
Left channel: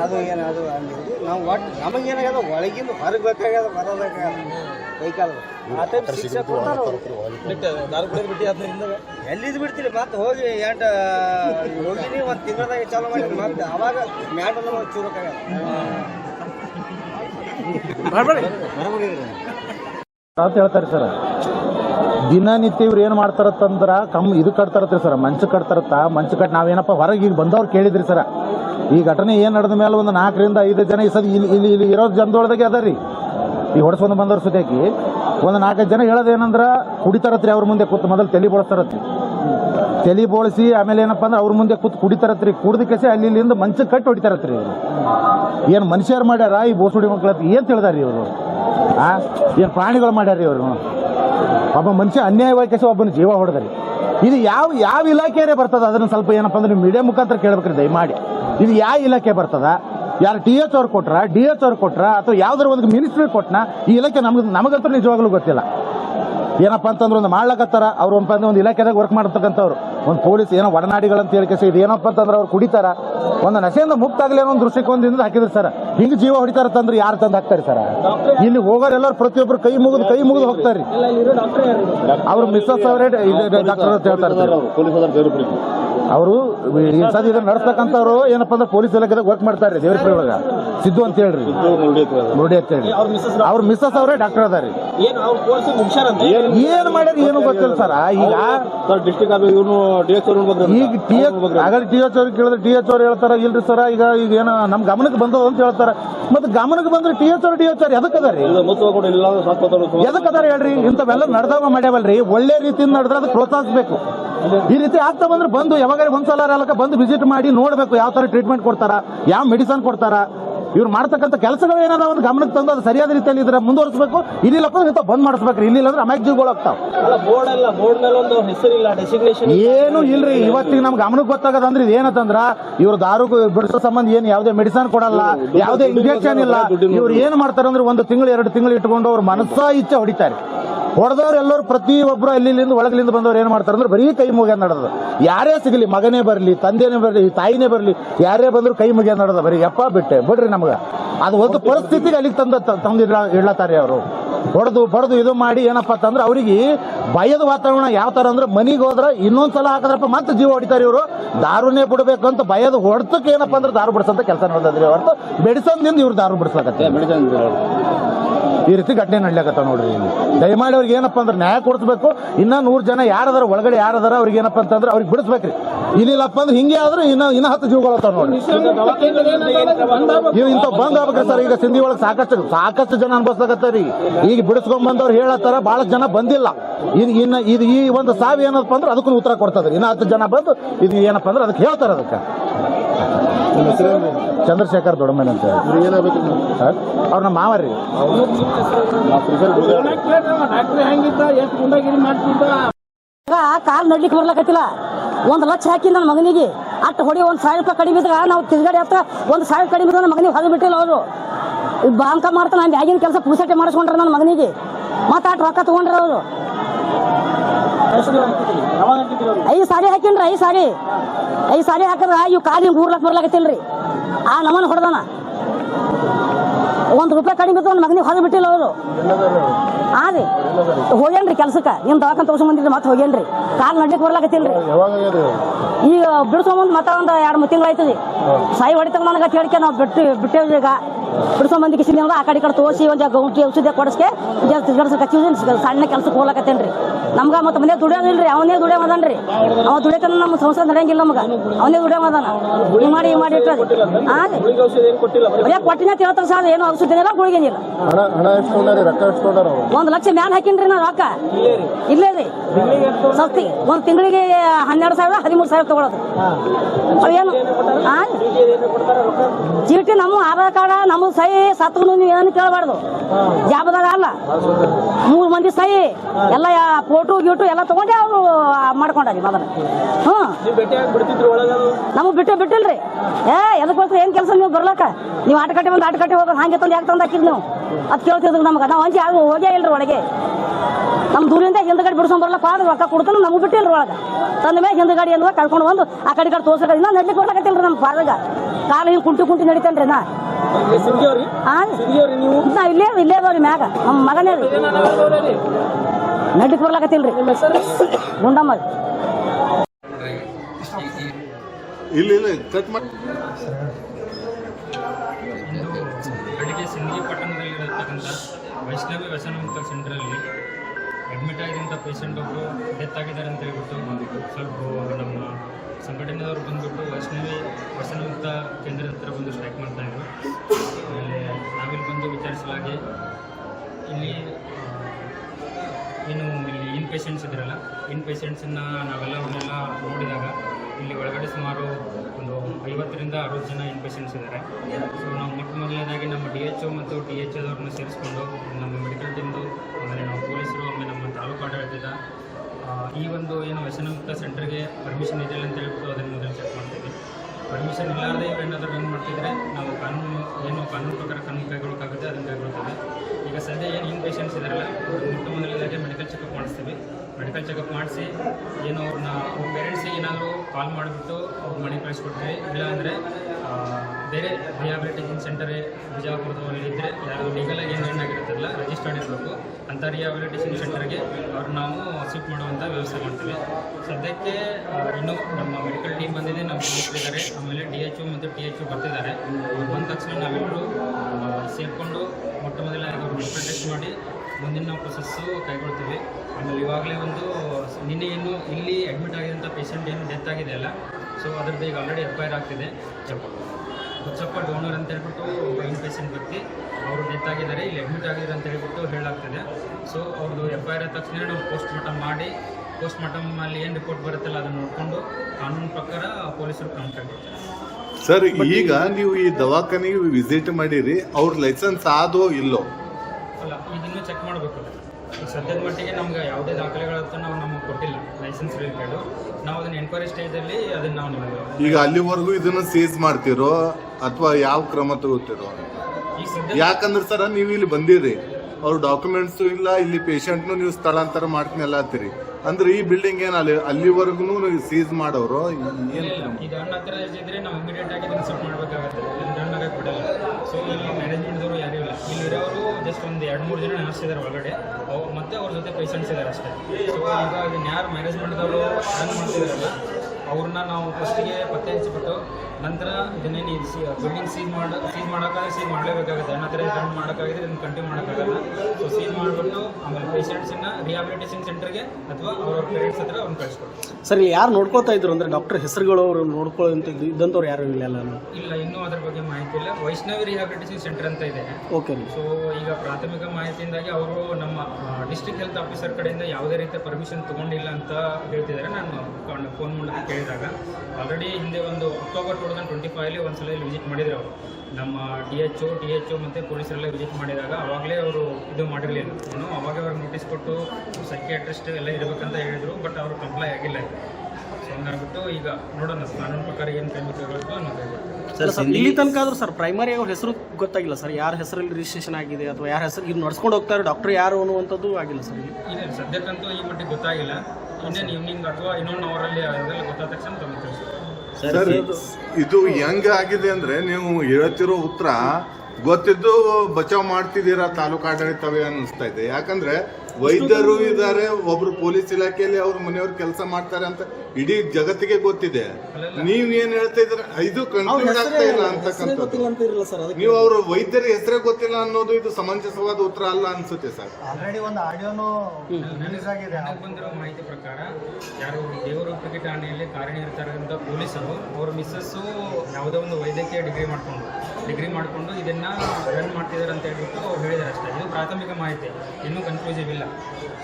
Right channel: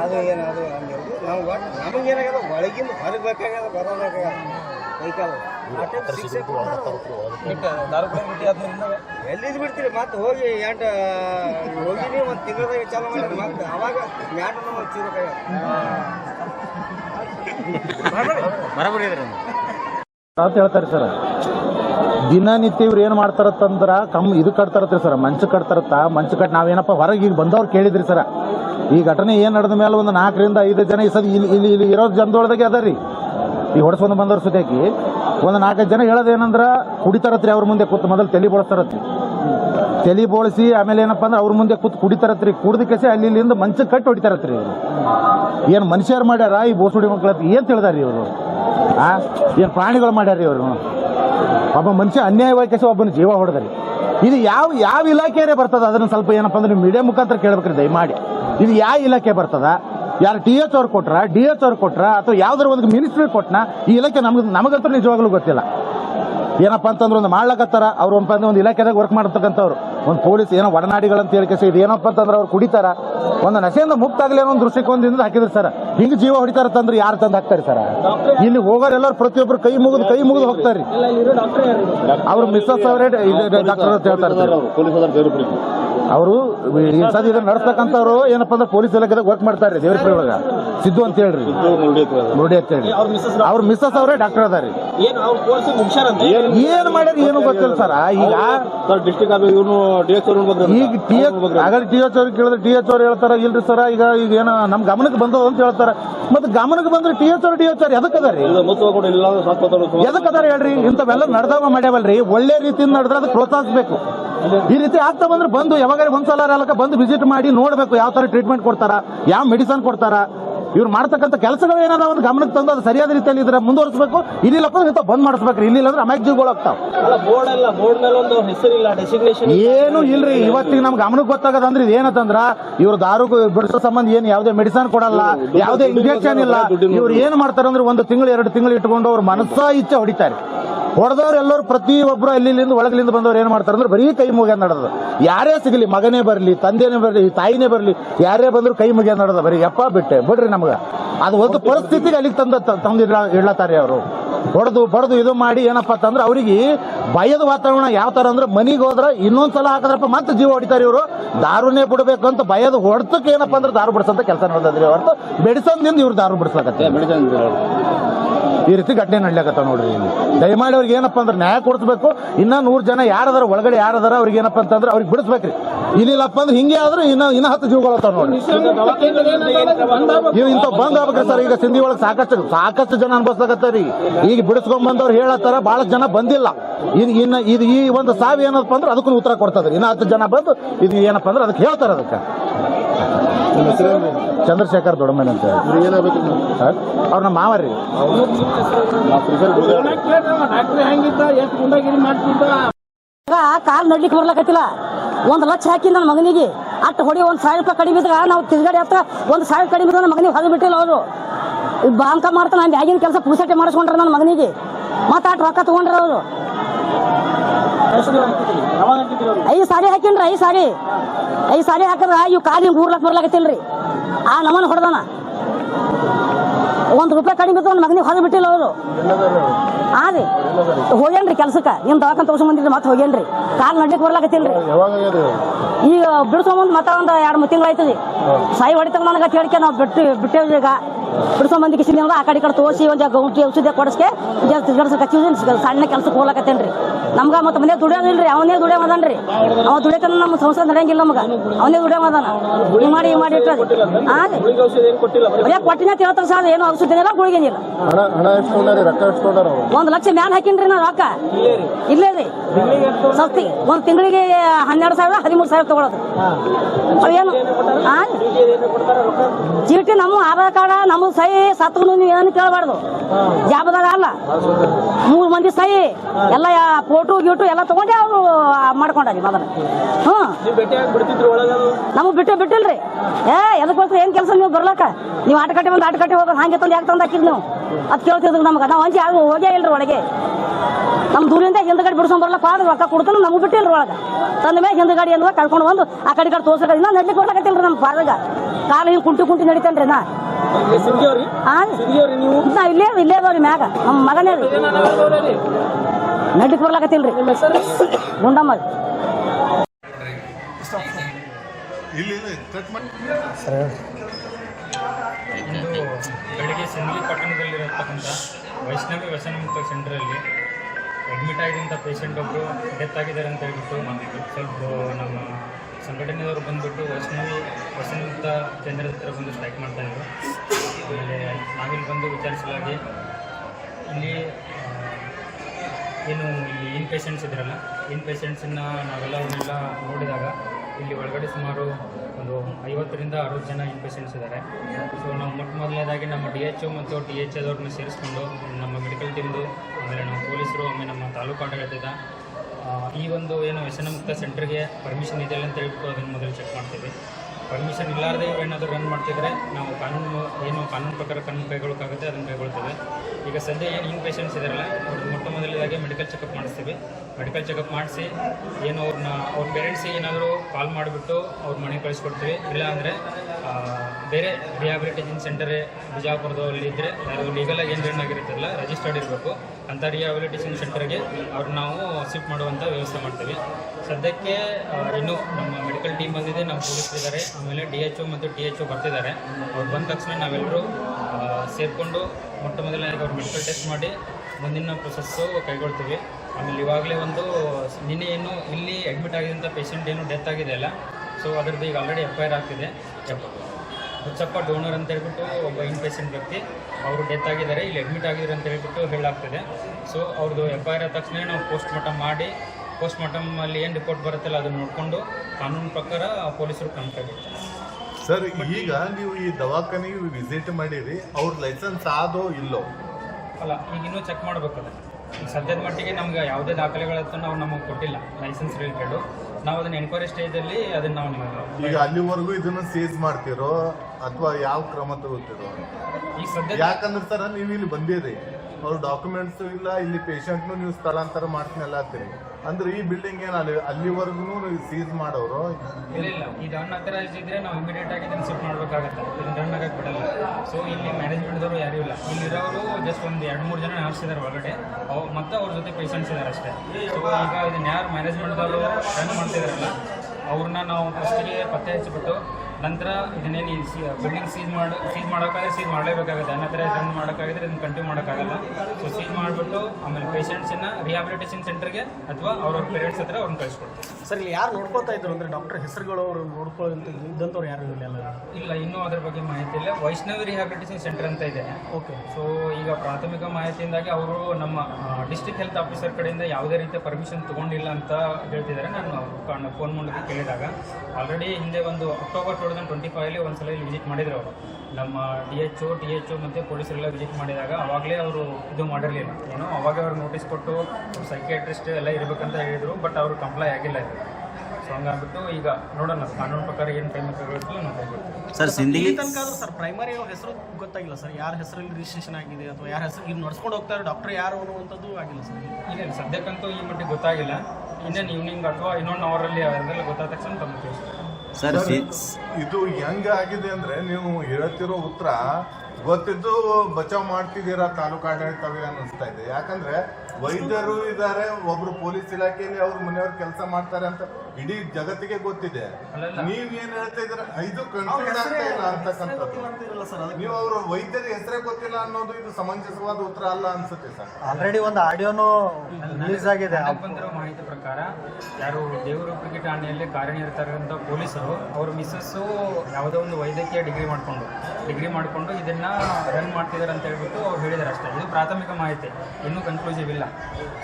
ಅದು ಏನು ಅದು ಹಂಗೆ ನಾವು ಒಟ್ಟು ನಮಗೇನಾಗ್ಯದ ಒಳಗಿಂದ ಹೊರಗೆ ಬೇಕಾಗ್ಯದ ಬರೋದಕ್ಕಾಗ್ಯದ ಕೈಕಾಲು ಆ ಟೈಪ್ ಶಿಕ್ಷೆ ಕೊಡ್ತಾರೆ ಅವರು ಬಿಟ್ಟು ದಾರು ಕುಡಿಯೋದು ಬಿಟ್ಟು ಅದರಿಂದ ಎಲ್ಲಿದ್ದು ಬಿಡ್ತೀರಿ ಮತ್ತೆ ಹೋಗಿ ಹೋಗಿನಿ ಒಂದು ತಿಂಗಳದಾಗ ಚಾಲು ಮಾಡಿದ್ರಿ ಮತ್ತೆ ಅವಾಗ ಮ್ಯಾಟಲ್ಲ ಒಂದು ಚೂರಕ್ಕಾಗ್ಯದ ಅಂತ ಹೇಳ್ತಾರೆ ಸರ್ ದಿನನಿತ್ಯ ಇವ್ರು ಏನು ಮಾಡ್ತಾರತ್ತಂದ್ರ ಇದು ಕಟ್ತಾರತ್ರಿ ಸರ್ ಮಂಚ ಕಟ್ಟಿ ನಾವೇನಪ್ಪ ಹೊರಗೆ ಈಗ ಬಂದವ್ರು ಕೇಳಿದ್ರಿ ಸರ್ ಈ ಘಟನೆ ಏನು ನಡೆದ ಮೇಲೆ ಒಂದು 4ರಿಂದ 5 ಜನ ಈ ಸದ ಇಲ್ಲಿ ಇರೋ ಜನದೊಳದಾಗೆ ಅದ ರೀ ಈ ಹೊಡ್ಸ್ಕೊಂಡು ಬಂದವ್ರ ಸುತ್ತಾಕಿ ಒಂದು 4-5 ಜನ ಹೇಳೋದೇನಂದ್ರ ಕುಡಿತಾರತ್ರಿ ಅವ್ರ ಮುಂದೆ ಕೂತು ಮೊದಲು ತಲೆ ಬೋಳಿಸ್ತಾರತ್ರಿ ತಲೆ ಬೋಳಿಸಿ ಆಮೇಲೆ ಏನಪ್ಪ ಅಂದ್ರೆ ಅವ್ರ ಮುಂದೆ ಕೂತು ಕುಡಿತಾರತ್ರಿ ಕುಡ್ದಕ್ಕೆ ಅಲ್ಲಿ ಇಲ್ಲಿಂದ ಮಂಚ ಕಟ್ಟಿ ಹೊಡಿತಾರತ್ರಿ ಇವರು ಏನು ಮನುಷ್ಯರು ಮಾಡ್ಯಾರ ಈ ಬೋಸುಡಿ ಮಕ್ಕಳತ್ತಿ ಏನು ತಿಳಿದಾರಿ ಇವರು ಏನು ಪ್ರಾಣಿಗಳು ಮಾಡ್ಯಾರ ಇವರು ಒಬ್ಬ ಮನುಷ್ಯ ಅನ್ಯಾಯವಾಗಿ ಒಬ್ಬನ ಜೀವ ಹೊಡೆದ್ರಿ ಇದು ಯಾವ ಇಲಾಖೆಯೇ ಬರ್ತದ ಅದನ್ನ ಸ್ವಲ್ಪ ಏನಪ್ಪ ಅಂದ್ರೆ ನೀವು ಮೀಡಿಯಾ ಮುಖಾಂತರ ಕೇಳ್ಬೇಕ್ರಿ ದಯಮಾಡಿ ಇದು ಯಾವ ಇಲಾಖೆ ಬರ್ತದ ಯಾರು TH ಅವ್ರು ಕೊಟ್ರ DH ಅವ್ರು ಕೊಟ್ರ ಅಥವಾ ಯಾವ್ದಾರ ಒಂದು ಮಿನಿಸ್ಟ್ರಿ ಕೊಟ್ಟನ ಈ ಇಲಾಖೆ ನಮಗಂತೂ ನಿಜವಾಗ್ಲೂ ಗೊತ್ತಿಲ್ಲ ಏನಪ್ಪ ಅಂತಂದ್ರೆ ಒಂದು ಮಾಡ್ಲಕತ್ತಾರ ಅವ್ರು ಒಂದು ಇಲಾಖೆದಾಗ ವರ್ಕ್ ಮಾಡತಕ್ಕಂಥವ್ರು ಒಂದು ಪೊಲೀಸ್ ಏನೋ ಒಡನಾಡಿಗಳಂತ ಹೇಳಿಕೆ ಇದು ಏನಪ್ಪ ಅಂತಂದ್ರೆ ಅವ್ರು ಕುಡಿತಾರ ಒಂದು ನಶೆಯಿಂದ ಮುಕ್ತ ಆಗಲಿ ಅನ್ನೋ ಒಂದು ದೃಷ್ಟಿಕೋನದಿಂದ ಹಾಕಿದ್ರು ಸರ್ ಹಿಂಗೆ ಜೀವ ಹೊಡಿತಾರ ತಂದ್ರೆ ಯಾರು ತಂದು ಹಾಕ್ತಾರೆ ಸರ್ ಇಲ್ಲಿ ಹೋಗೋರೆಲ್ಲರೂ ಪ್ರತಿಯೊಬ್ಬರು ಕೈ ಮುಗಿದು ಹೋಗ್ತಾರೆ ಅವ್ರು ಮಿಸ್ಸಸ್ ಅವರೇ ಡಾಕ್ಟರ್ ಅಂತ ಹೇಳ್ತಾರೆ ಅವರು ಇದನ್ನ ನಡೆಸ್ತಕ್ಕಂಥವ್ರು ಏನಪ್ಪ ಅಂದ್ರೆ ಪೊಲೀಸ್ ಇಲಾಖೆದಾಗ ವರ್ಕ್ ಮಾಡ್ತಾರೆ ದೇವರಪುರ ಒಳಗ ಸಿದ್ದು ಅಂತ ಹೇಳ್ರಿ ಮುರುಡಿ ಅಂತ ಹೇಳಿ ಅವ್ರ ಮಿಸ್ಸಸ್ ಅವರೇ ಡಾಕ್ಟರ್ ಅದಾರಿ ಏನ್ ಮಾಡ್ಯಾರ ಏನು ಗೊತ್ತಿಲ್ಲ ಸರ್ ಈಗ ಈಗ TH ಅವ್ರಿಗೆ ಕೇಳಿದ್ರೆ TH ಅವ್ರು ಹೇಳ್ತಾರ ಇಲ್ರಿ ಸರ್ ಈಗ ಏನೋ ನಮ್ ಗಮನಕ್ಕೆ ಬಂದದ ಅಂತ ಹೇಳ್ತಾರ ಮತ್ತೆ ಗಮನಕ್ಕೆ ಬಂದ್ರೆ DH ಅವ್ರು ಎದಕ್ಕದಾರಿ ಎದಕ್ಕದಾರ ಹೇಳ್ರಿ ಇಂಥವೆಲ್ಲ ನಡೆದವ ಮಾಡ್ಯಾವಲ್ರಿ ಒಳ್ಳೆ ರೀತಿಯಿಂದ ನಡೆದ್ರೆ ಅದಕ್ಕೆ ಪ್ರೋತ್ಸಾಹಿಸಬೇಕು ಈ ರೀತಿ ಆಗ್ತಾ ಬಂದ್ರೆ ಬಂದು ಯಾವಾಗ ಒಂದ್ಸಲ ಬಂದು ವಿಸಿಟ್ ಮಾಡಿ ನೋಡ್ಬೇಕು ಯಾವ ತರ ಟ್ರೀಟ್ಮೆಂಟ್ ಕೊಡ್ತಾರ ಯಾವ ಮೆಡಿಸನ್ ಕೊಡ್ತಾರ ಇವ್ರು ಮಾಡ್ತಕ್ಕಂಥ ಕೆಲಸಗಳು ಏನಾರ ಒಂದು ಗಮನಕ್ಕೆ ತಂದು ಅದು ಸರಿಯಾದ ರೀತಿಯಲ್ಲಿ ಇದ್ರೆ ಮುಂದುವರಿಸಬೇಕು ಇಲ್ಲಿಲ್ಲಪ್ಪ ಇಂಥ ಬಂದ್ ಮಾಡಿಸ್ಬೇಕ್ರಿ ಇಲ್ಲಿ ಅಂದ್ರೆ ಅಮಾಯಕ ಜೀವಗಳು ಆಗ್ತಾವ ಏನು ಇಲ್ರಿ ಇವತ್ತಿಗೆ ನಮ್ ಗಮನಕ್ಕೆ ಗೊತ್ತಾಗದ ಅಂದ್ರೆ ಇದು ಏನಂತಂದ್ರ ಇವ್ರು ದಾರು ಬಿಡಿಸೋ ಸಂಬಂಧ ಏನು ಯಾವುದೇ ಮೆಡಿಸನ್ ಕೊಡಲ್ಲ ಯಾವುದೇ ಇಂಜೆಕ್ಷನ್ ಇಲ್ಲ ಇವ್ರು ಏನ್ ಮಾಡ್ತಾರ ಅಂದ್ರೆ 1 ತಿಂಗಳು 2 ತಿಂಗಳು ಇಟ್ಕೊಂಡು ಅವ್ರ ಮನಸ್ಸ ಇಚ್ಛೆ ಹೊಡಿತಾರೆ ಹೊಡೆದವ್ರು ಎಲ್ಲರೂ ಪ್ರತಿಯೊಬ್ಬರು ಅಲ್ಲಿಂದ ಒಳಗಲಿಂದ ಬಂದವ್ರು ಏನ್ ಮಾಡ್ತಾರೆ ಅಂದ್ರೆ ಬರೀ ಕೈ ಮುಗಿಯೋದು ನಡೆದ. ಯಾರೇ ಸಿಗಲಿ, ಮಗನೇ ಬರಲಿ, ತಂದೆನೇ ಬರಲಿ, ತಾಯಿನೇ ಬರಲಿ, ಯಾರೇ ಬಂದ್ರು ಕೈ ಮುಗಿಯೋದು ನಡೆದ. ಬರೀ ಯಪ್ಪ ಬಿಡ್ರಿ ನಮ್ಗ ಅದು ಒಂದು ಪರಿಸ್ಥಿತಿಗೆ ಅಲ್ಲಿಗೆ ಇಡ್ಲತ್ತಾರೆ ಅವರು. ಹೊಡೆದು ಬಡದು ಇದು ಮಾಡಿ ಏನಪ್ಪಾ ಅಂತಂದ್ರೆ ಅವ್ರಿಗೆ ಭಯದ ವಾತಾವರಣ ಯಾವ ತರ ಅಂದ್ರೆ ಮನಿಗೆ ಹೋದ್ರ ಇನ್ನೊಂದ್ಸಲ ಹಾಕದ್ರಪ್ಪ ಮತ್ತೆ ಜೀವ ಹೊಡಿತಾರೆ ಇವರು. ದಾರುನೇ ಬಿಡಬೇಕು ಅಂತ ಭಯದ ಹೊಡೆತಕ್ಕೆ ಏನಪ್ಪಾ ಅಂದ್ರೆ ದಾರು ಬಿಡಿಸಂತ ಕೆಲಸ ನಡೆದ್ರಿ ಹೊರತು ಬೆಡಿಸೋದ್ರಿಂದ ಇವ್ರು ದಾರು ಬಿಡಿಸ್ಲಕತ್ತೆ. ಈ ರೀತಿ ಘಟನೆ ನಡ್ಲಿಕತ್ತ ನೋಡ್ರಿ. ಇಲ್ಲಿ ದಯಮಾಡಿ ಅವ್ರಿಗೆ ಏನಪ್ಪಾ ಅಂದ್ರೆ ನ್ಯಾಯ ಕೊಡಿಸ್ಬೇಕು. ಇನ್ನ 100 ಜನ ಯಾರದಾರ ಒಳಗಡೆ ಯಾರದಾರ ಅವ್ರಿಗೆ ಏನಪ್ಪಾ ಅಂತಂದ್ರೆ ಅವ್ರಿಗೆ ಬಿಡಿಸ್ಬೇಕ್ರಿ. ಇಲ್ಲಿಲ್ಲಪ್ಪ ಅಂದ್ರೆ ಹಿಂಗೆ ಆದ್ರೆ ಇನ್ನ 10 ಜೀವಗಳತ್ತಾವ ನೋಡ್ರಿ. ಇಂಥ ಬಂದ್ ಆಗ್ಬೇಕ್ರಿ ಸರ್. ಈಗ ಸಿಂಧಿ ಒಳಗೆ ಸಾಕಷ್ಟು ಜನ ಅನ್ಭವಿಸ್ಲಾಕತ್ತಾರಿ. ಈಗ ಬಿಡಿಸ್ಕೊಂಡ್ ಬಂದವ್ರು ಹೇಳತ್ತಾರ, ಬಹಳಷ್ಟು ಜನ ಬಂದಿಲ್ಲ. ಇನ್ನ ಇದು ಈ ಒಂದು ಸಾವು ಏನಪ್ಪ ಅಂದ್ರೆ ಅದಕ್ಕೂ ಉತ್ತರ ಕೊಡ್ತದ್ರಿ. ಇನ್ನ 10 ಜನ ಬಂದು ಇದು ಏನಪ್ಪಾ ಅಂದ್ರೆ ಅದಕ್ಕೆ ಹೇಳ್ತಾರ. ಅದಕ್ಕೆ ಚಂದ್ರಶೇಖರ್ ದೊಡ್ಡಮನೆ ಅಂತ ಸರ್, ಅವ್ರ ನಮ್ಮ ಮಾವರಿ. ಕಾಲ್ ನಡ್ಲಿಕ್ಕೆ ಬರ್ಲಕತ್ತಿಲ್ಲ. 1 ಲಕ್ಷ ಹಾಕಿ ನನ್ನ ಮಗನಿಗೆ ಅಟ್ಟು ಹೊಡಿ 1,000 ರೂಪಾಯಿ ಕಡಿಮೆ ಇದ್ದಾಗ ನಾವು ತಿರ್ಗಾಡಿ ಹತ್ರ 1,000 ಕಡಿಮೆ ನನ್ನ ಮಗನಿಗೆ ಹೊರಗೆ ಬಿಟ್ಟಿಲ್ಲ. ಅವರು ಬಾಂಕ ಮಾಡ್ತಾನೆ, ನಾನು ಬ್ಯಾಗಿನ ಕೆಲಸ ಪುಸಟೆ ಮಾಡಿಸ್ಕೊಂಡ್ರೆ ನನ್ನ ಮಗನಿಗೆ ಮತ್ತೆ ಅಟ್ಟು ರೊಕ್ಕ ತಗೊಂಡ್ರ ಅವರು. 5 ಸಾರಿ ಹಾಕಿನ್ರಿ. 5 ಸಾರಿ ಹಾಕಿದ್ರ ಇವ್ ಕಾಲಿಗೆ ಊರ್ಲಕ್ ಬರ್ಲಾಕತ್ತಿಲ್ರಿ. ಆ ನಮ್ಮನ್ನ ಹೊಡೆದಾನ. 1 ರೂಪಾಯಿ ಕಡಿಮೆ ಇತ್ತು ನನ್ನ ಮಗನಿಗೆ ಹೊರಗೆ ಬಿಟ್ಟಿಲ್ಲ ಅವರು. ಆದಿ ಹೋಗ್ಯಾನ್ರಿ ಕೆಲ್ಸಕ್ಕೆ. ನಿಮ್ ದವಾಖಾನೆ ತೋರ್ಸ್ಕೊಂಡ್ ಬಂದಿದ್ರಿ ಮತ್ತೆ ಹೋಗ್ಯಾನ್ರಿ. ಕಾಲ್ ನಡ್ಲಿಕ್ಕೆ ಬರ್ಲಾಕತ್ತಿಲ್ರಿ. ಈಗ ಬಿಡಿಸ್ಕೊಂಬಂದ್ ಮತ್ತೆ 2-3 ತಿಂಗಳು ಆಯ್ತದಿ. ಸಾಯಿ ಹೊಡಿತಾಗ ನನಗೆ ಹೇಳಿಕೆ ನಾವು ಬಿಟ್ಟೇವಿ. ಈಗ ಬಿಡಿಸ್ಕೊಂಬಂದಿ ಕಿಸಿನ ಆ ಕಡೆ ತೋರಿಸಿ ಒಂದು ಗೌಟಿ ಔಷಧಿ ಕೊಡಿಸ್ಕೆ ಸಣ್ಣ ಕೆಲ್ಸಕ್ಕೆ ಹೋಗ್ಲಾಕತ್ತೇನ್ರಿ. ನಮ್ಗ ಮತ್ತೆ ಮನೆ ದುಡಿಯೋದಿಲ್ರಿ. ಅವನೇ ದುಡಿಯೋದನ್ರಿ. ಅವ ದುಡಿಯಕ ನಮ್ಮ ಸಂಸಾರ ನಡೆಯಂಗಿಲ್ಲ ನಮಗ. ಅವನೇ ದುಡಿಯೋದನ. ಹಿಂಗ್ ಮಾಡಿ ಇಟ್ಟದ ಕೊಟ್ಟಿನ ತಿಳ್ತಾರ ಸರ್. ಏನು ಔಷಧಿ ಇಲ್ಲ, ಗುಳಿಗೇನಿಲ್ಲ. 1 ಲಕ್ಷ ಮ್ಯಾಲ ಹಾಕಿನ್ರಿ ನಾ ರೊಕ್ಕ. ಇಲ್ಲೇ ರೀ ಸಸ್ತಿ. 1 ತಿಂಗಳಿಗೆ 12,000 13,000 ತಗೊಳೋದು. ಅವೇನು ಚೀಟಿ ನಮ್ಮ ಆಧಾರ್ ಕಾರ್ಡ ನಮ್ಮ ಸಹಿ ಸತ್ತು ನೀವು ಏನು ಕೇಳಬಾರ್ದು. ಜಾಬದಾಗ ಅಲ್ಲ 3 ಮಂದಿ ಸಹಿ ಎಲ್ಲ ಫೋಟೋ ಗೀಟು ಎಲ್ಲ ತಗೊಂಡೆ ಅವ್ರು ಮಾಡ್ಕೊಂಡ್ರಿ ಮೊದಲ. ನಮಗ್ ಬಿಟ್ಟಿಲ್ರಿ. ಎದಕ್ಕೋಸ್ಕರ ಏನ್ ಕೆಲಸ ನೀವು ಬರ್ಲಾಕ? ನೀವು ಆಟಕಟ್ಟೆ ಬಂದು ಆಟಕಟ್ಟೆ ಹೋಗೋದು ಹಂಗೆ ತಂದು ಯಾಕೆ ತಂದು ಹಾಕಿದ್ ನೀವು ಅದ್ ಕೇಳ್ತಿದ್ರು ನಮ್ಗೆ. ನಾವು ಹಂಚಿ ಯಾರು ಹೋಗೇ ಇಲ್ರಿ ಒಳಗೆ. ನಮ್ ದೂರಿಂದ ಹಿಂದ್ಗಡೆ ಬಿಡ್ಸ್ಕೊಂಡ್ ಬರ್ಲಕ್ಕ ಆದ್ರೆ ರೊಕ್ಕ ಕೊಡ್ತಾನೆ. ನಮಗ್ ಬಿಟ್ಟಿಲ್ರಿ ಒಳಗ. ತಂದ ಮೇಲೆ ಹಿಂದ್ಗಡೆ ಎಲ್ಲ ಕಳ್ಕೊಂಡು ಬಂದು ಆ ಕಡೆ ತೋರ್ಸಕ ಇನ್ನ ನಡ್ಲಿಕ್ಕೆ ಬರ್ಲಾಕತ್ತಿಲ್ರಿ. ನಮ್ ಪಾದಾಗ ಕಾಲು ಹಿಂಗ್ ಕುಂಟಿ ನಡಿತೇನ್ರಿ. ನಾ ಇಲ್ಲೇ ಅದಾವ್ರಿ ಮ್ಯಾಗ. ನಮ್ಮ ಮಗನೇ ರೀ ನಡ್ಲಿಕ್ಕೆ ಬರ್ಲಾಕತ್ತಿಲ್ರಿ. ಗುಂಡಮ್ಮ ಬೆಳಿಗ್ಗೆ ಸಿಂಧಿ ಪಟ್ಟಣದಲ್ಲಿರತಕ್ಕಂಥ ವೈಷ್ಣವಿ ವ್ಯಸನ ಮುಕ್ತ ಸೆಂಟ್ರಲ್ಲಿ ಅಡ್ಮಿಟ್ ಆಗಿದ್ದಂಥ ಪೇಷಂಟ್ ಒಬ್ಬರು ಡೆತ್ ಆಗಿದ್ದಾರೆ ಅಂತ ಹೇಳ್ಬಿಟ್ಟು ಸ್ವಲ್ಪ ನಮ್ಮ ಸಂಘಟನೆಯವರು ಬಂದುಬಿಟ್ಟು ವೈಷ್ಣವಿ ವ್ಯಸನ ಮುಕ್ತ ಕೇಂದ್ರದ ಹತ್ರ ಬಂದು ಸ್ಟ್ರೈಕ್ ಮಾಡ್ತಾಯಿದ್ರು. ಆಮೇಲೆ ನಾವಿಲ್ಲಿ ಬಂದು ವಿಚಾರಿಸಲಾಗಿ ಇಲ್ಲಿ ಏನು ಇಲ್ಲಿ ಇನ್ ಪೇಷಂಟ್ಸ್ ಇದ್ರಲ್ಲ, ಇನ್ ಪೇಷಂಟ್ಸನ್ನು ನಾವೆಲ್ಲವನ್ನೆಲ್ಲ ನೋಡಿದಾಗ ಇಲ್ಲಿ ಒಳಗಡೆ ಸುಮಾರು ಒಂದು 50ರಿಂದ 60 ಜನ ಇನ್ ಪೇಷಂಟ್ಸ್ ಇದ್ದಾರೆ. ಸೊ ನಾವು ಮೊದಲನೇದಾಗಿ ನಮ್ಮ DHO ಮತ್ತು THO ಅವ್ರನ್ನ ಸೇರಿಸ್ಕೊಂಡು ನಮ್ಮ ಮೆಡಿಕಲ್ ಟೀಮ್ದು, ಆಮೇಲೆ ನಮ್ಮ ಪೊಲೀಸರು, ಆಮೇಲೆ ನಮ್ಮ ತಾಲೂಕು ಆಡಳಿತದ ಈ ಒಂದು ಏನು ವ್ಯಸನ ಮುಕ್ತ ಸೆಂಟ್ರಿಗೆ ಪರ್ಮಿಷನ್ ಇದೆಯಲ್ಲ ಅಂತ ಹೇಳ್ಬಿಟ್ಟು ಅದನ್ನು ಮೊದಲು ಚೆಕ್ ಮಾಡ್ತೀವಿ. ಪರ್ಮಿಷನ್ ಇಲ್ಲಾರದೆ ಇವ್ರು ಏನಾದರೂ ಏನು ಮಾಡ್ತಿದ್ರೆ ನಾವು ಕಾನೂನು ಪ್ರಕಾರ ಕೈಗೊಳ್ಳೋಕ್ಕಾಗುತ್ತೆ ಅದನ್ನು ಕೈಗೊಳ್ತೀವಿ. ಈಗ ಸದ್ಯ ಏನು ಇನ್ ಪೇಷಂಟ್ಸ್ ಇದ್ದಾರಲ್ಲ, ಮೊದಲಿಗೆ ಮೆಡಿಕಲ್ ಚೆಕಪ್ ಮಾಡಿಸ್ತೀವಿ. ಮೆಡಿಕಲ್ ಚೆಕಪ್ ಮಾಡಿಸಿ ಏನು ಅವ್ರ ಪೇರೆಂಟ್ಸಿಗೆ ಏನಾದರೂ ಕಾಲ್ ಮಾಡಿಬಿಟ್ಟು ಅವ್ರ ಮನೆಗೆ ಕಳಿಸ್ಕೊಡ್ತೀವಿ. ಇಲ್ಲಾಂದರೆ ಬೇರೆ ರಿಹ್ಯಾಬಿಲಿಟೇಷನ್ ಸೆಂಟರ್ ಬಿಜಾಪುರದಲ್ಲಿದ್ದರೆ ಯಾರು ಲೀಗಲಾಗಿ ಏನು ರನ್ ಆಗಿರುತ್ತಲ್ಲ ರಿಜಿಸ್ಟರ್ಡ್ ಇರಬೇಕು ಅಂಥ ರಿಹ್ಯಾಬಿಲಿಟೇಷನ್ ಸೆಂಟರ್ಗೆ ಅವ್ರು ನಾವು ಶಿಫ್ಟ್ ಮಾಡುವಂಥ ವ್ಯವಸ್ಥೆ ಮಾಡ್ತೀವಿ. ಸದ್ಯಕ್ಕೆ ಇನ್ನೂ ನಮ್ಮ ಮೆಡಿಕಲ್ ಟೀಮ್ ಬಂದಿದೆ, ನಮ್ಮ ಪೊಲೀಸರಿದ್ದಾರೆ, ಆಮೇಲೆ DHO ಮತ್ತು THO ಬರ್ತಿದ್ದಾರೆ. ಅವ್ರು ಬಂದ ತಕ್ಷಣ ನಾವೆಲ್ಲರೂ ಸೇರಿಕೊಂಡು ಮೊದಲನೇದಾಗಿ ಅವ್ರು ಮೆಡಿಕಲ್ ಟೆಸ್ಟ್ ಮಾಡಿ ಮುಂದಿನ ಪ್ರೊಸೆಸ್ಸು ಕೈಗೊಳ್ತೀವಿ. ಆಮೇಲೆ ಇವಾಗಲೇ ನಿನ್ನೆ ಏನು ಇಲ್ಲಿ ಅಡ್ಮಿಟ್ ಆಗಿದ್ದಂಥ ಪೇಷಂಟ್ ಏನು ಡೆತ್ ಆಗಿದೆ ಅಲ್ಲ, ಸೊ ಅದರದ್ದು ಈಗ ಆಲ್ರೆಡಿ FIR ಆಗ್ತಿದೆ. ಹುಚ್ಚಪ್ಪ ಡೋನರ್ ಅಂತ ಹೇಳ್ಬಿಟ್ಟು ಒಬ್ಬ ಇನ್ ಪೇಷಂಟ್ ವ್ಯಕ್ತಿ ಅವರು ಡೆತ್ ಆಗಿದ್ದಾರೆ, ಇಲ್ಲಿ ಅಡ್ಮಿಟ್ ಆಗಿದ್ದಾರೆ ಅಂತ ಹೇಳ್ಬಿಟ್ಟು ಹೇಳಾಗ್ತಿದೆ. ಸೊ ಅವ್ರದ್ದು FIR ಆದ ತಕ್ಷಣ ನಾವು ಪೋಸ್ಟ್ ಮಾರ್ಟಮಲ್ಲಿ ಏನು ರಿಪೋರ್ಟ್ ಬರುತ್ತಲ್ಲ ಅದನ್ನು ನೋಡಿಕೊಂಡು ಕಾನೂನು ಪ್ರಕಾರ ಪೊಲೀಸರು ಕ್ರಮ ಕೈಗೊಳ್ತಾರೆ. ಸರ್, ಈಗ ನೀವು ಈ ದವಾಖಾನೆಗೆ ವಿಸಿಟ್ ಮಾಡಿರಿ, ಅವ್ರ ಲೈಸೆನ್ಸ್ ಆದೋ ಇಲ್ಲೋ? ಅಲ್ಲ, ಈಗ ಇನ್ನೂ ಚೆಕ್ ಮಾಡಬೇಕು. ಸದ್ಯದ ಮಟ್ಟಿಗೆ ನಮ್ಗೆ ಯಾವುದೇ ದಾಖಲೆಗಳತ್ತ ನಾವು ನಮಗೆ ಕೊಟ್ಟಿಲ್ಲ ಲೈಸೆನ್ಸ್ ರಿಲೇಟೆಡು. ನಾವು ಅದನ್ನ ಎನ್ಕ್ವೈರಿ ಸ್ಟೇಜಲ್ಲಿ ಅದನ್ನು ನಾವು ನಿಮಗೆ ಈಗ ಅಲ್ಲಿವರೆಗೂ ಇದನ್ನು ಸೀಸ್ ಮಾಡ್ತಿರೋ ಅಥವಾ ಯಾವ ಕ್ರಮ ತಗೋತಿರೋ? ಈಗ ಸದ್ಯ ಯಾಕಂದ್ರೆ ಸರ್ ನೀವು ಇಲ್ಲಿ ಬಂದಿರಿ, ಅವ್ರ ಡಾಕ್ಯುಮೆಂಟ್ಸು ಇಲ್ಲ, ಇಲ್ಲಿ ಪೇಷಂಟ್ನು ನೀವು ಸ್ಥಳಾಂತರ ಮಾಡ್ತೀನಿ ಎಲ್ಲ ಅಂತೀರಿ. ಅಂದ್ರೆ ಈ ಬಿಲ್ಡಿಂಗ್ ಏನು ಅಲ್ಲಿವರೆಗೂ ಸೀಸ್ ಮಾಡೋರು ಇಲ್ಲ ಇದು ಹಣ್ಣು ಹತ್ತಿರ ಇದ್ದಿದ್ರೆ ನಾವು ಇಮಿಡಿಯೇಟ್ ಆಗಿ ಇದನ್ನು ಶಿಫ್ಟ್ ಮಾಡಬೇಕಾಗತ್ತೆ, ಇದನ್ನು ರನ್ ಆಗಕ್ಕೆ ಬಿಡಲ್ಲ. ಸೊ ಇಲ್ಲಿ ಮ್ಯಾನೇಜ್ಮೆಂಟ್ದವರು ಯಾರೂ ಇಲ್ಲ, ಇಲ್ಲಿರೋರು ಜಸ್ಟ್ ಒಂದು 2-3 ಜನ ನರ್ಸ್ ಇದ್ದಾರೆ ಒಳಗಡೆ, ಮತ್ತು ಅವ್ರ ಜೊತೆ ಪೇಷಂಟ್ಸ್ ಇದ್ದಾರೆ ಅಷ್ಟೇ. ಸೊ ಈಗ ಇದನ್ನು ಯಾರು ಮ್ಯಾನೇಜ್ಮೆಂಟ್ದವರು ರನ್ ಮಾಡ್ತಿದಾರಲ್ಲ ಅವ್ರನ್ನ ನಾವು ಫಸ್ಟಿಗೆ ಪತ್ತೆ ಹಚ್ಚಿಬಿಟ್ಟು ನಂತರ ಇದನ್ನೇನು ಬಿಲ್ಡಿಂಗ್ ಸೀಸ್ ಮಾಡೋಕ್ಕಾದ್ರೆ ಸೀಸ್ ಮಾಡಲೇಬೇಕಾಗುತ್ತೆ. ಅನ್ನೋ ಥರ ರನ್ ಮಾಡೋಕ್ಕಾಗಿದ್ರೆ ಇದನ್ನು ಕಂಟಿನ್ಯೂ ಮಾಡೋಕ್ಕಾಗಲ್ಲ. ಸೊ ಸೀಸ್ ಮಾಡಿಬಿಟ್ಟು ಆಮೇಲೆ ಪೇಷಂಟ್ಸನ್ನು ರಿಹಾಬಿಲಿಟೇಷನ್ ಸೆಂಟರ್ಗೆ ಅಥವಾ ಅವ್ರವ್ರ ಪೇರೆಂಟ್ಸ್ ಹತ್ರ ಅವ್ರನ್ನ ಕಳಿಸ್ಕೊಡ್ತೀವಿ. ಸರ್ ಯಾರು ನೋಡ್ಕೊಳ್ತಾ ಇದ್ರು ಅಂದರೆ ಡಾಕ್ಟರ್ ಹೆಸರುಗಳು ಅವರು ನೋಡ್ಕೊಳ್ಳೋ ಇದ್ದಂಥವ್ರು ಯಾರು ಇಲ್ಲ, ಇನ್ನೂ ಅದ್ರ ಬಗ್ಗೆ ಮಾಹಿತಿ ಇಲ್ಲ. ವೈಷ್ಣವಿ ರಿಹಾಬಿಲಿಟೇಷನ್ ಸೆಂಟರ್ ಅಂತ ಇದೆ. ಓಕೆ. ಸೊ ಈಗ ಪ್ರಾಥಮಿಕ ಮಾಹಿತಿಯಿಂದಾಗಿ ಅವರು ನಮ್ಮ ಡಿಸ್ಟ್ರಿಕ್ಟ್ ಹೆಲ್ತ್ ಆಫೀಸರ್ ಕಡೆಯಿಂದ ಯಾವುದೇ ರೀತಿಯ ಪರ್ಮಿಷನ್ ತೊಗೊಂಡಿಲ್ಲ ಅಂತ ಹೇಳ್ತಿದ್ದಾರೆ. ನಾನು ಫೋನ್ ಮೂಲಕ ಕೇಳಿದಾಗ ಆಲ್ರೆಡಿ ಹಿಂದೆ ಒಂದು ಅಕ್ಟೋಬರ್ 2025 ಒಂದ್ಸಲ ಇಲ್ಲಿ ವಿಸಿಟ್ ಮಾಡಿದ್ರು ಅವರು. ನಮ್ಮ ಟಿ.ಎಚ್.ಒ ಮತ್ತು ಪೊಲೀಸರೆಲ್ಲ ವಿಸಿಟ್ ಮಾಡಿದಾಗ ಅವಾಗಲೇ ಅವರು ಇದು ಮಾಡಿರಲಿಲ್ಲ, ಅವಾಗ ಅವ್ರಿಗೆ ನೋಟಿಸ್ ಕೊಟ್ಟು ಸೈಕಿಯಾಟ್ರಿಸ್ಟ್ ಎಲ್ಲ ಇರಬೇಕಂತ ಹೇಳಿದರು. ಬಟ್ ಅವರು ಕಂಪ್ಲೈ ಆಗಿಲ್ಲ ಇದು. ಸೊ ಹಂಗಾಗ್ಬಿಟ್ಟು ಈಗ ನೋಡೋಣ ಕಾನೂನು ಪ್ರಕಾರ ಏನು ಕೈ ಮುಗಿಸ್ಕೊಳ್ಳೋ ನಾವು ಕೈಬಿಟ್ಟು ಸರ್ ಇಲ್ಲಿ ತನಕ ಆದರೂ ಸರ್ ಪ್ರೈಮರಿ ಅವ್ರ ಹೆಸರು ಗೊತ್ತಾಗಿಲ್ಲ ಸರ್, ಯಾರ ಹೆಸರಲ್ಲಿ ರಿಜಿಸ್ಟ್ರೇಷನ್ ಆಗಿದೆ ಅಥವಾ ಯಾರ ಹೆಸರು ಇಲ್ಲಿ ನಡ್ಸ್ಕೊಂಡು ಹೋಗ್ತಾರೆ ಡಾಕ್ಟರ್ ಯಾರು ಅನ್ನುವಂಥದ್ದು ಆಗಿಲ್ಲ ಸರ್. ಇಲ್ಲ ಸದ್ಯಕ್ಕಂತೂ ಈ ಮಟ್ಟಿಗೆ ಗೊತ್ತಾಗಿಲ್ಲ. ಇನ್ನೇನು ಈವ್ನಿಂಗ್ ಅಥವಾ ಇನ್ನೊಂದು ಅವರಲ್ಲಿ ಅದೆಲ್ಲ ಗೊತ್ತಾದ ತಕ್ಷಣ ತಮಗೆ ಸರ್ ಇದು ಹೆಂಗ್ ಆಗಿದೆ ಅಂದ್ರೆ ನೀವು ಹೇಳ್ತಿರೋ ಉತ್ತರ ಗೊತ್ತಿದ್ದು ಬಚಾವ್ ಮಾಡ್ತಿದ್ದೀರಾ ತಾಲೂಕು ಆಡಳಿತವೇ ಅನ್ನಿಸ್ತಾ ಇದೆ. ಯಾಕಂದ್ರೆ ವೈದ್ಯರು ಇದ್ದಾರೆ, ಒಬ್ರು ಪೊಲೀಸ್ ಇಲಾಖೆಯಲ್ಲಿ ಅವ್ರ ಮನೆಯವ್ರು ಕೆಲಸ ಮಾಡ್ತಾರೆ ಅಂತ ಇಡೀ ಜಗತ್ತಿಗೆ ಗೊತ್ತಿದೆ. ನೀವ್ ಏನ್ ಹೇಳ್ತಾ ಇದ್ರೆ ಇದು ಕನ್ಫ್ಯೂಸ್ ಆಗ್ತಾ ಇಲ್ಲ ಅಂತಕ್ಕಂಥ. ನೀವು ಅವ್ರ ವೈದ್ಯರ ಹೆಸರೇ ಗೊತ್ತಿಲ್ಲ ಅನ್ನೋದು ಇದು ಸಮಂಜಸವಾದ ಉತ್ತರ ಅಲ್ಲ ಅನ್ಸುತ್ತೆ ಸರ್. ಆಲ್ರೆಡಿ ಒಂದು ಆಡಿಯೋನು ರಿಲೀಸ್ ಆಗಿದೆ. ಬಂದಿರೋ ಮಾಹಿತಿ ಪ್ರಕಾರ ಯಾರು ದೇವರೂಪರಿಗೆ ಠಾಣೆಯಲ್ಲಿ ಕಾರ್ಯನಿರತರಂತ ಪೊಲೀಸರು ಅವ್ರ ಮಿಸ್ಸಸ್ಸು ಯಾವುದೋ ಒಂದು ವೈದ್ಯಕೀಯ ಡಿಗ್ರಿ ಮಾಡಿಕೊಂಡು ಇದನ್ನ ರನ್ ಮಾಡ್ತಿದ್ದಾರೆ ಅಂತ ಹೇಳ್ಬಿಟ್ಟು ಅವ್ರು ಹೇಳಿದ್ದಾರೆ ಅಷ್ಟೇ. ಇದು ಪ್ರಾಥಮಿಕ ಮಾಹಿತಿ, ಇನ್ನೂ ಕನ್ಕ್ಲೂಸಿವ್ ಇಲ್ಲ.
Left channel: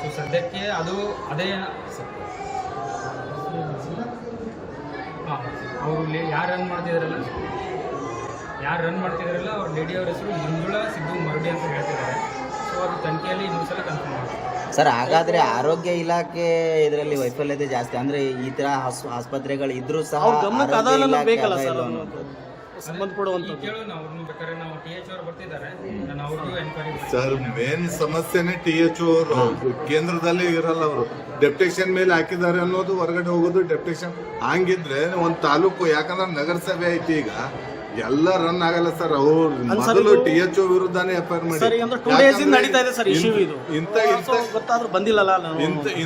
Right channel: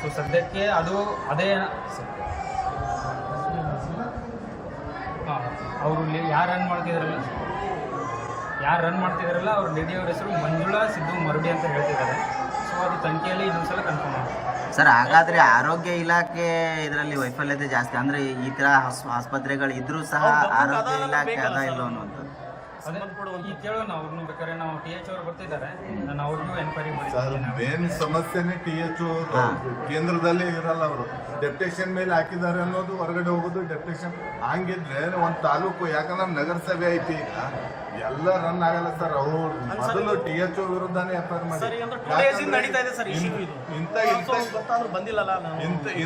ಸೊ ಸದ್ಯಕ್ಕೆ ಅದು ಅದೇ ಅವರು ಯಾರು ರನ್ ಮಾಡ್ತಿದಾರಲ್ಲ ಅವ್ರ ಲೇಡಿಯವ್ರ ಹೆಸರು ಮಂಜುಳಾ ಸಿದ್ದು ಮರುಡಿ ಅಂತ ಹೇಳ್ತಿದ್ದಾರೆ. ಸೊ ಅದು ತನಿಖೆಯಲ್ಲಿ ಇನ್ನೊಂದ್ಸಲ ಕನ್ಫರ್ಮ್ ಮಾಡ್ತಾರೆ. ಸರ್ ಹಾಗಾದ್ರೆ ಆರೋಗ್ಯ ಇಲಾಖೆ ಇದರಲ್ಲಿ ವೈಫಲ್ಯತೆ ಜಾಸ್ತಿ, ಅಂದ್ರೆ ಈ ತರ ಆಸ್ಪತ್ರೆಗಳು ಇದ್ರೂ ಸಹ ಆರೋಗ್ಯ ಇಲಾಖೆ ಅದ ಇಲ್ಲ ಅನ್ನುವಂಥದ್ದು. ಈಗ ಕೇಳೋಣ ಅವ್ರನ್ನ ಬೇಕಾದ್ರೆ ನಾವು ಟಿ.ಎಚ್ ಅವರು ಬರ್ತಿದ್ದಾರೆ, ನಾನು ಅವ್ರಿಗೂ ಎನ್ಕ್ವೈರಿ ಸರ್ ಮೇನ್ ಸಮಸ್ಯೆನೇ ಟಿ.ಎಚ್ ಅವರು ಕೇಂದ್ರದಲ್ಲಿ ಇರಲ್ಲ. ಅವರು ಡೆಪ್ಯುಟೇಷನ್ ಮೇಲೆ ಹಾಕಿದ್ದಾರೆ ಅನ್ನೋದು, ಹೊರಗಡೆ ಹೋಗೋದು ಡೆಪ್ಯುಟೇಷನ್. ಹಂಗಿದ್ರೆ ಒಂದು ತಾಲೂಕು, ಯಾಕಂದ್ರೆ ನಗರಸಭೆ ಐತಿ, ಈಗ ಎಲ್ಲ ರನ್ ಆಗಲ್ಲ ಸರ್. ಅವ್ರು ಮೊದಲು ಟಿ.ಎಚ್ ವಿರುದ್ಧನೇ ಎಫ್ಐಆರ್ ಮಾಡಿ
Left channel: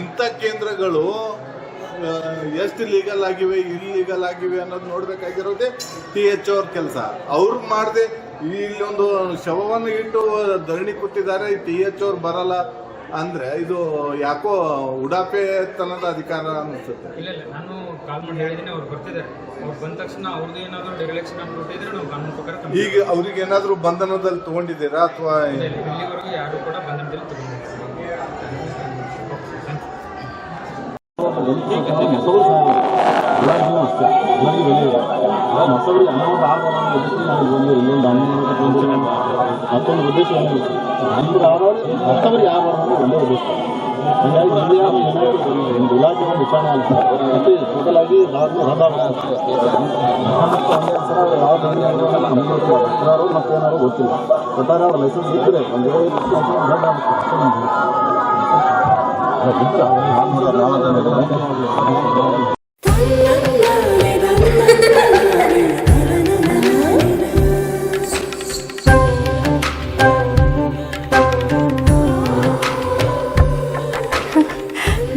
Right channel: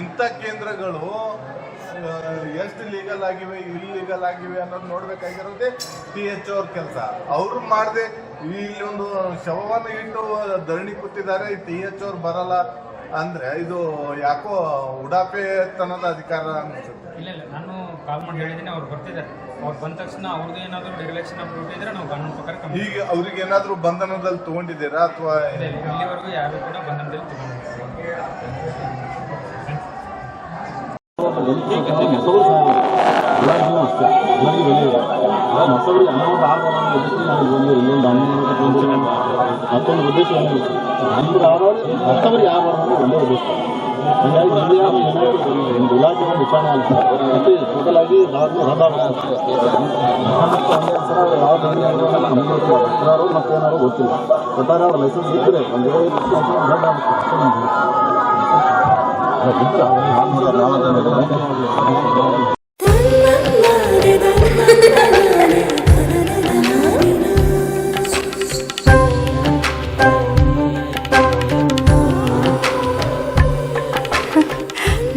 ಇಂಥ ಕೇಂದ್ರಗಳು ಎಷ್ಟು ಲೀಗಲ್ ಆಗಿವೆ ಇಲ್ಲೀಗಲ್ ಆಗಿವೆ ಅನ್ನೋದು ನೋಡ್ಬೇಕಾಗಿರೋದೇ ಟಿ.ಎಚ್ ಅವ್ರ ಕೆಲಸ. ಅವ್ರು ಮಾಡದೆ ಇಲ್ಲೊಂದು ಶವವನ್ನು ಇಟ್ಟು ಧರಣಿ ಕೊಟ್ಟಿದ್ದಾರೆ, ಟಿ.ಎಚ್ ಅವ್ರು ಬರಲ್ಲ ಅಂದ್ರೆ ಇದು ಯಾಕೋ ಉಡಾಪೆ ತನದ ಅಧಿಕಾರ ಅನ್ಸುತ್ತೆ. ಇಲ್ಲ ನಾನು ಕಾಲ್ ಮಾಡಿ ಹೇಳಿದ್ದೀನಿ, ಅವ್ರು ಬರ್ತಿದ್ದಾರೆ. ಅವ್ರು ಬಂದ ತಕ್ಷಣ ಅವ್ರದ್ದು ಏನಾದರೂ ಡಿರೆಕ್ಷನ್ ಆಫ್ ಡ್ಯೂಟಿ ಇದ್ರೆ ನಾವು ಕಾನೂನು ಪ್ರಕಾರ ಈಗ ಅವ್ರಿಗೆ ಏನಾದರೂ ಬಂಧನದಲ್ಲಿ ತಗೊಂಡಿದ್ದೀರಾ ಅಥವಾ ಇಲ್ಲಿವರೆಗೂ ಯಾರು ಕೂಡ ಬಂಧನದಲ್ಲಿ ತಗೊಂಡಿದ್ದಾರೆ. ಮತ್ತೊಂದು ಉದ್ದೇಶ ಏನಿಲ್ಲ, ಮತ್ತೊಬ್ಬರು ಯಾವ ಒಂದೇ ಉದ್ದೇಶ. ಹೀಗಾಗಿ ಒಂದು ಇಲಾಖೆ ವಿಚಾರಣೆ ಅಂತ ಮತ್ತೆ ಟೋಟಲ್ ಆಗಿ ನಾವು ರದ್ದಾಗುತ್ತೆ. ಮತ್ತೇನಾದ್ರು ಗೊತ್ತಿಲ್ಲ, ಒಟ್ಟಾರೆ ಅವ್ರ ಲೈಸೆನ್ಸ್ ಇದ್ದರೆ ಒಂದು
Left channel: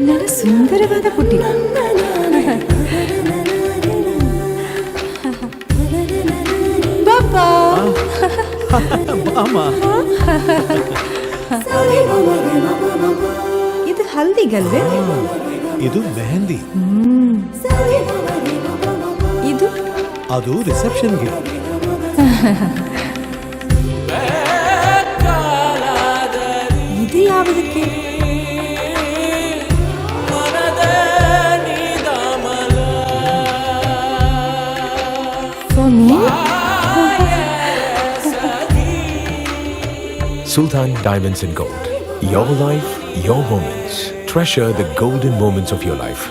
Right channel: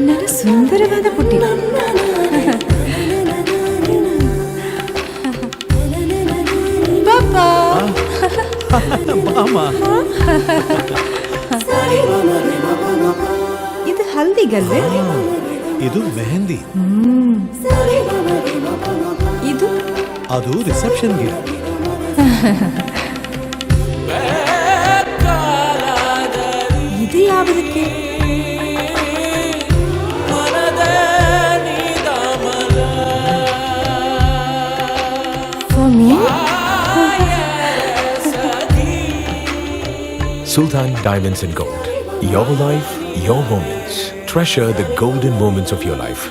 ನನ್ನ ಸುಂದರವಾದ ಪುಟ್ಟಿ ಬಾಬಾ ಇದು ಹಲ್ದಿಗಲ್ವೇ? ಇದು ಮೆಹಂದಿ. ಇದು ಅದು ರಿಸೆಪ್ಷನ್ಗೆ. ಇದು ಯಾವುದಕ್ಕೆ? Sultan Diamonds and Gold. Your life, your moments. Treasure the golden moments of your life.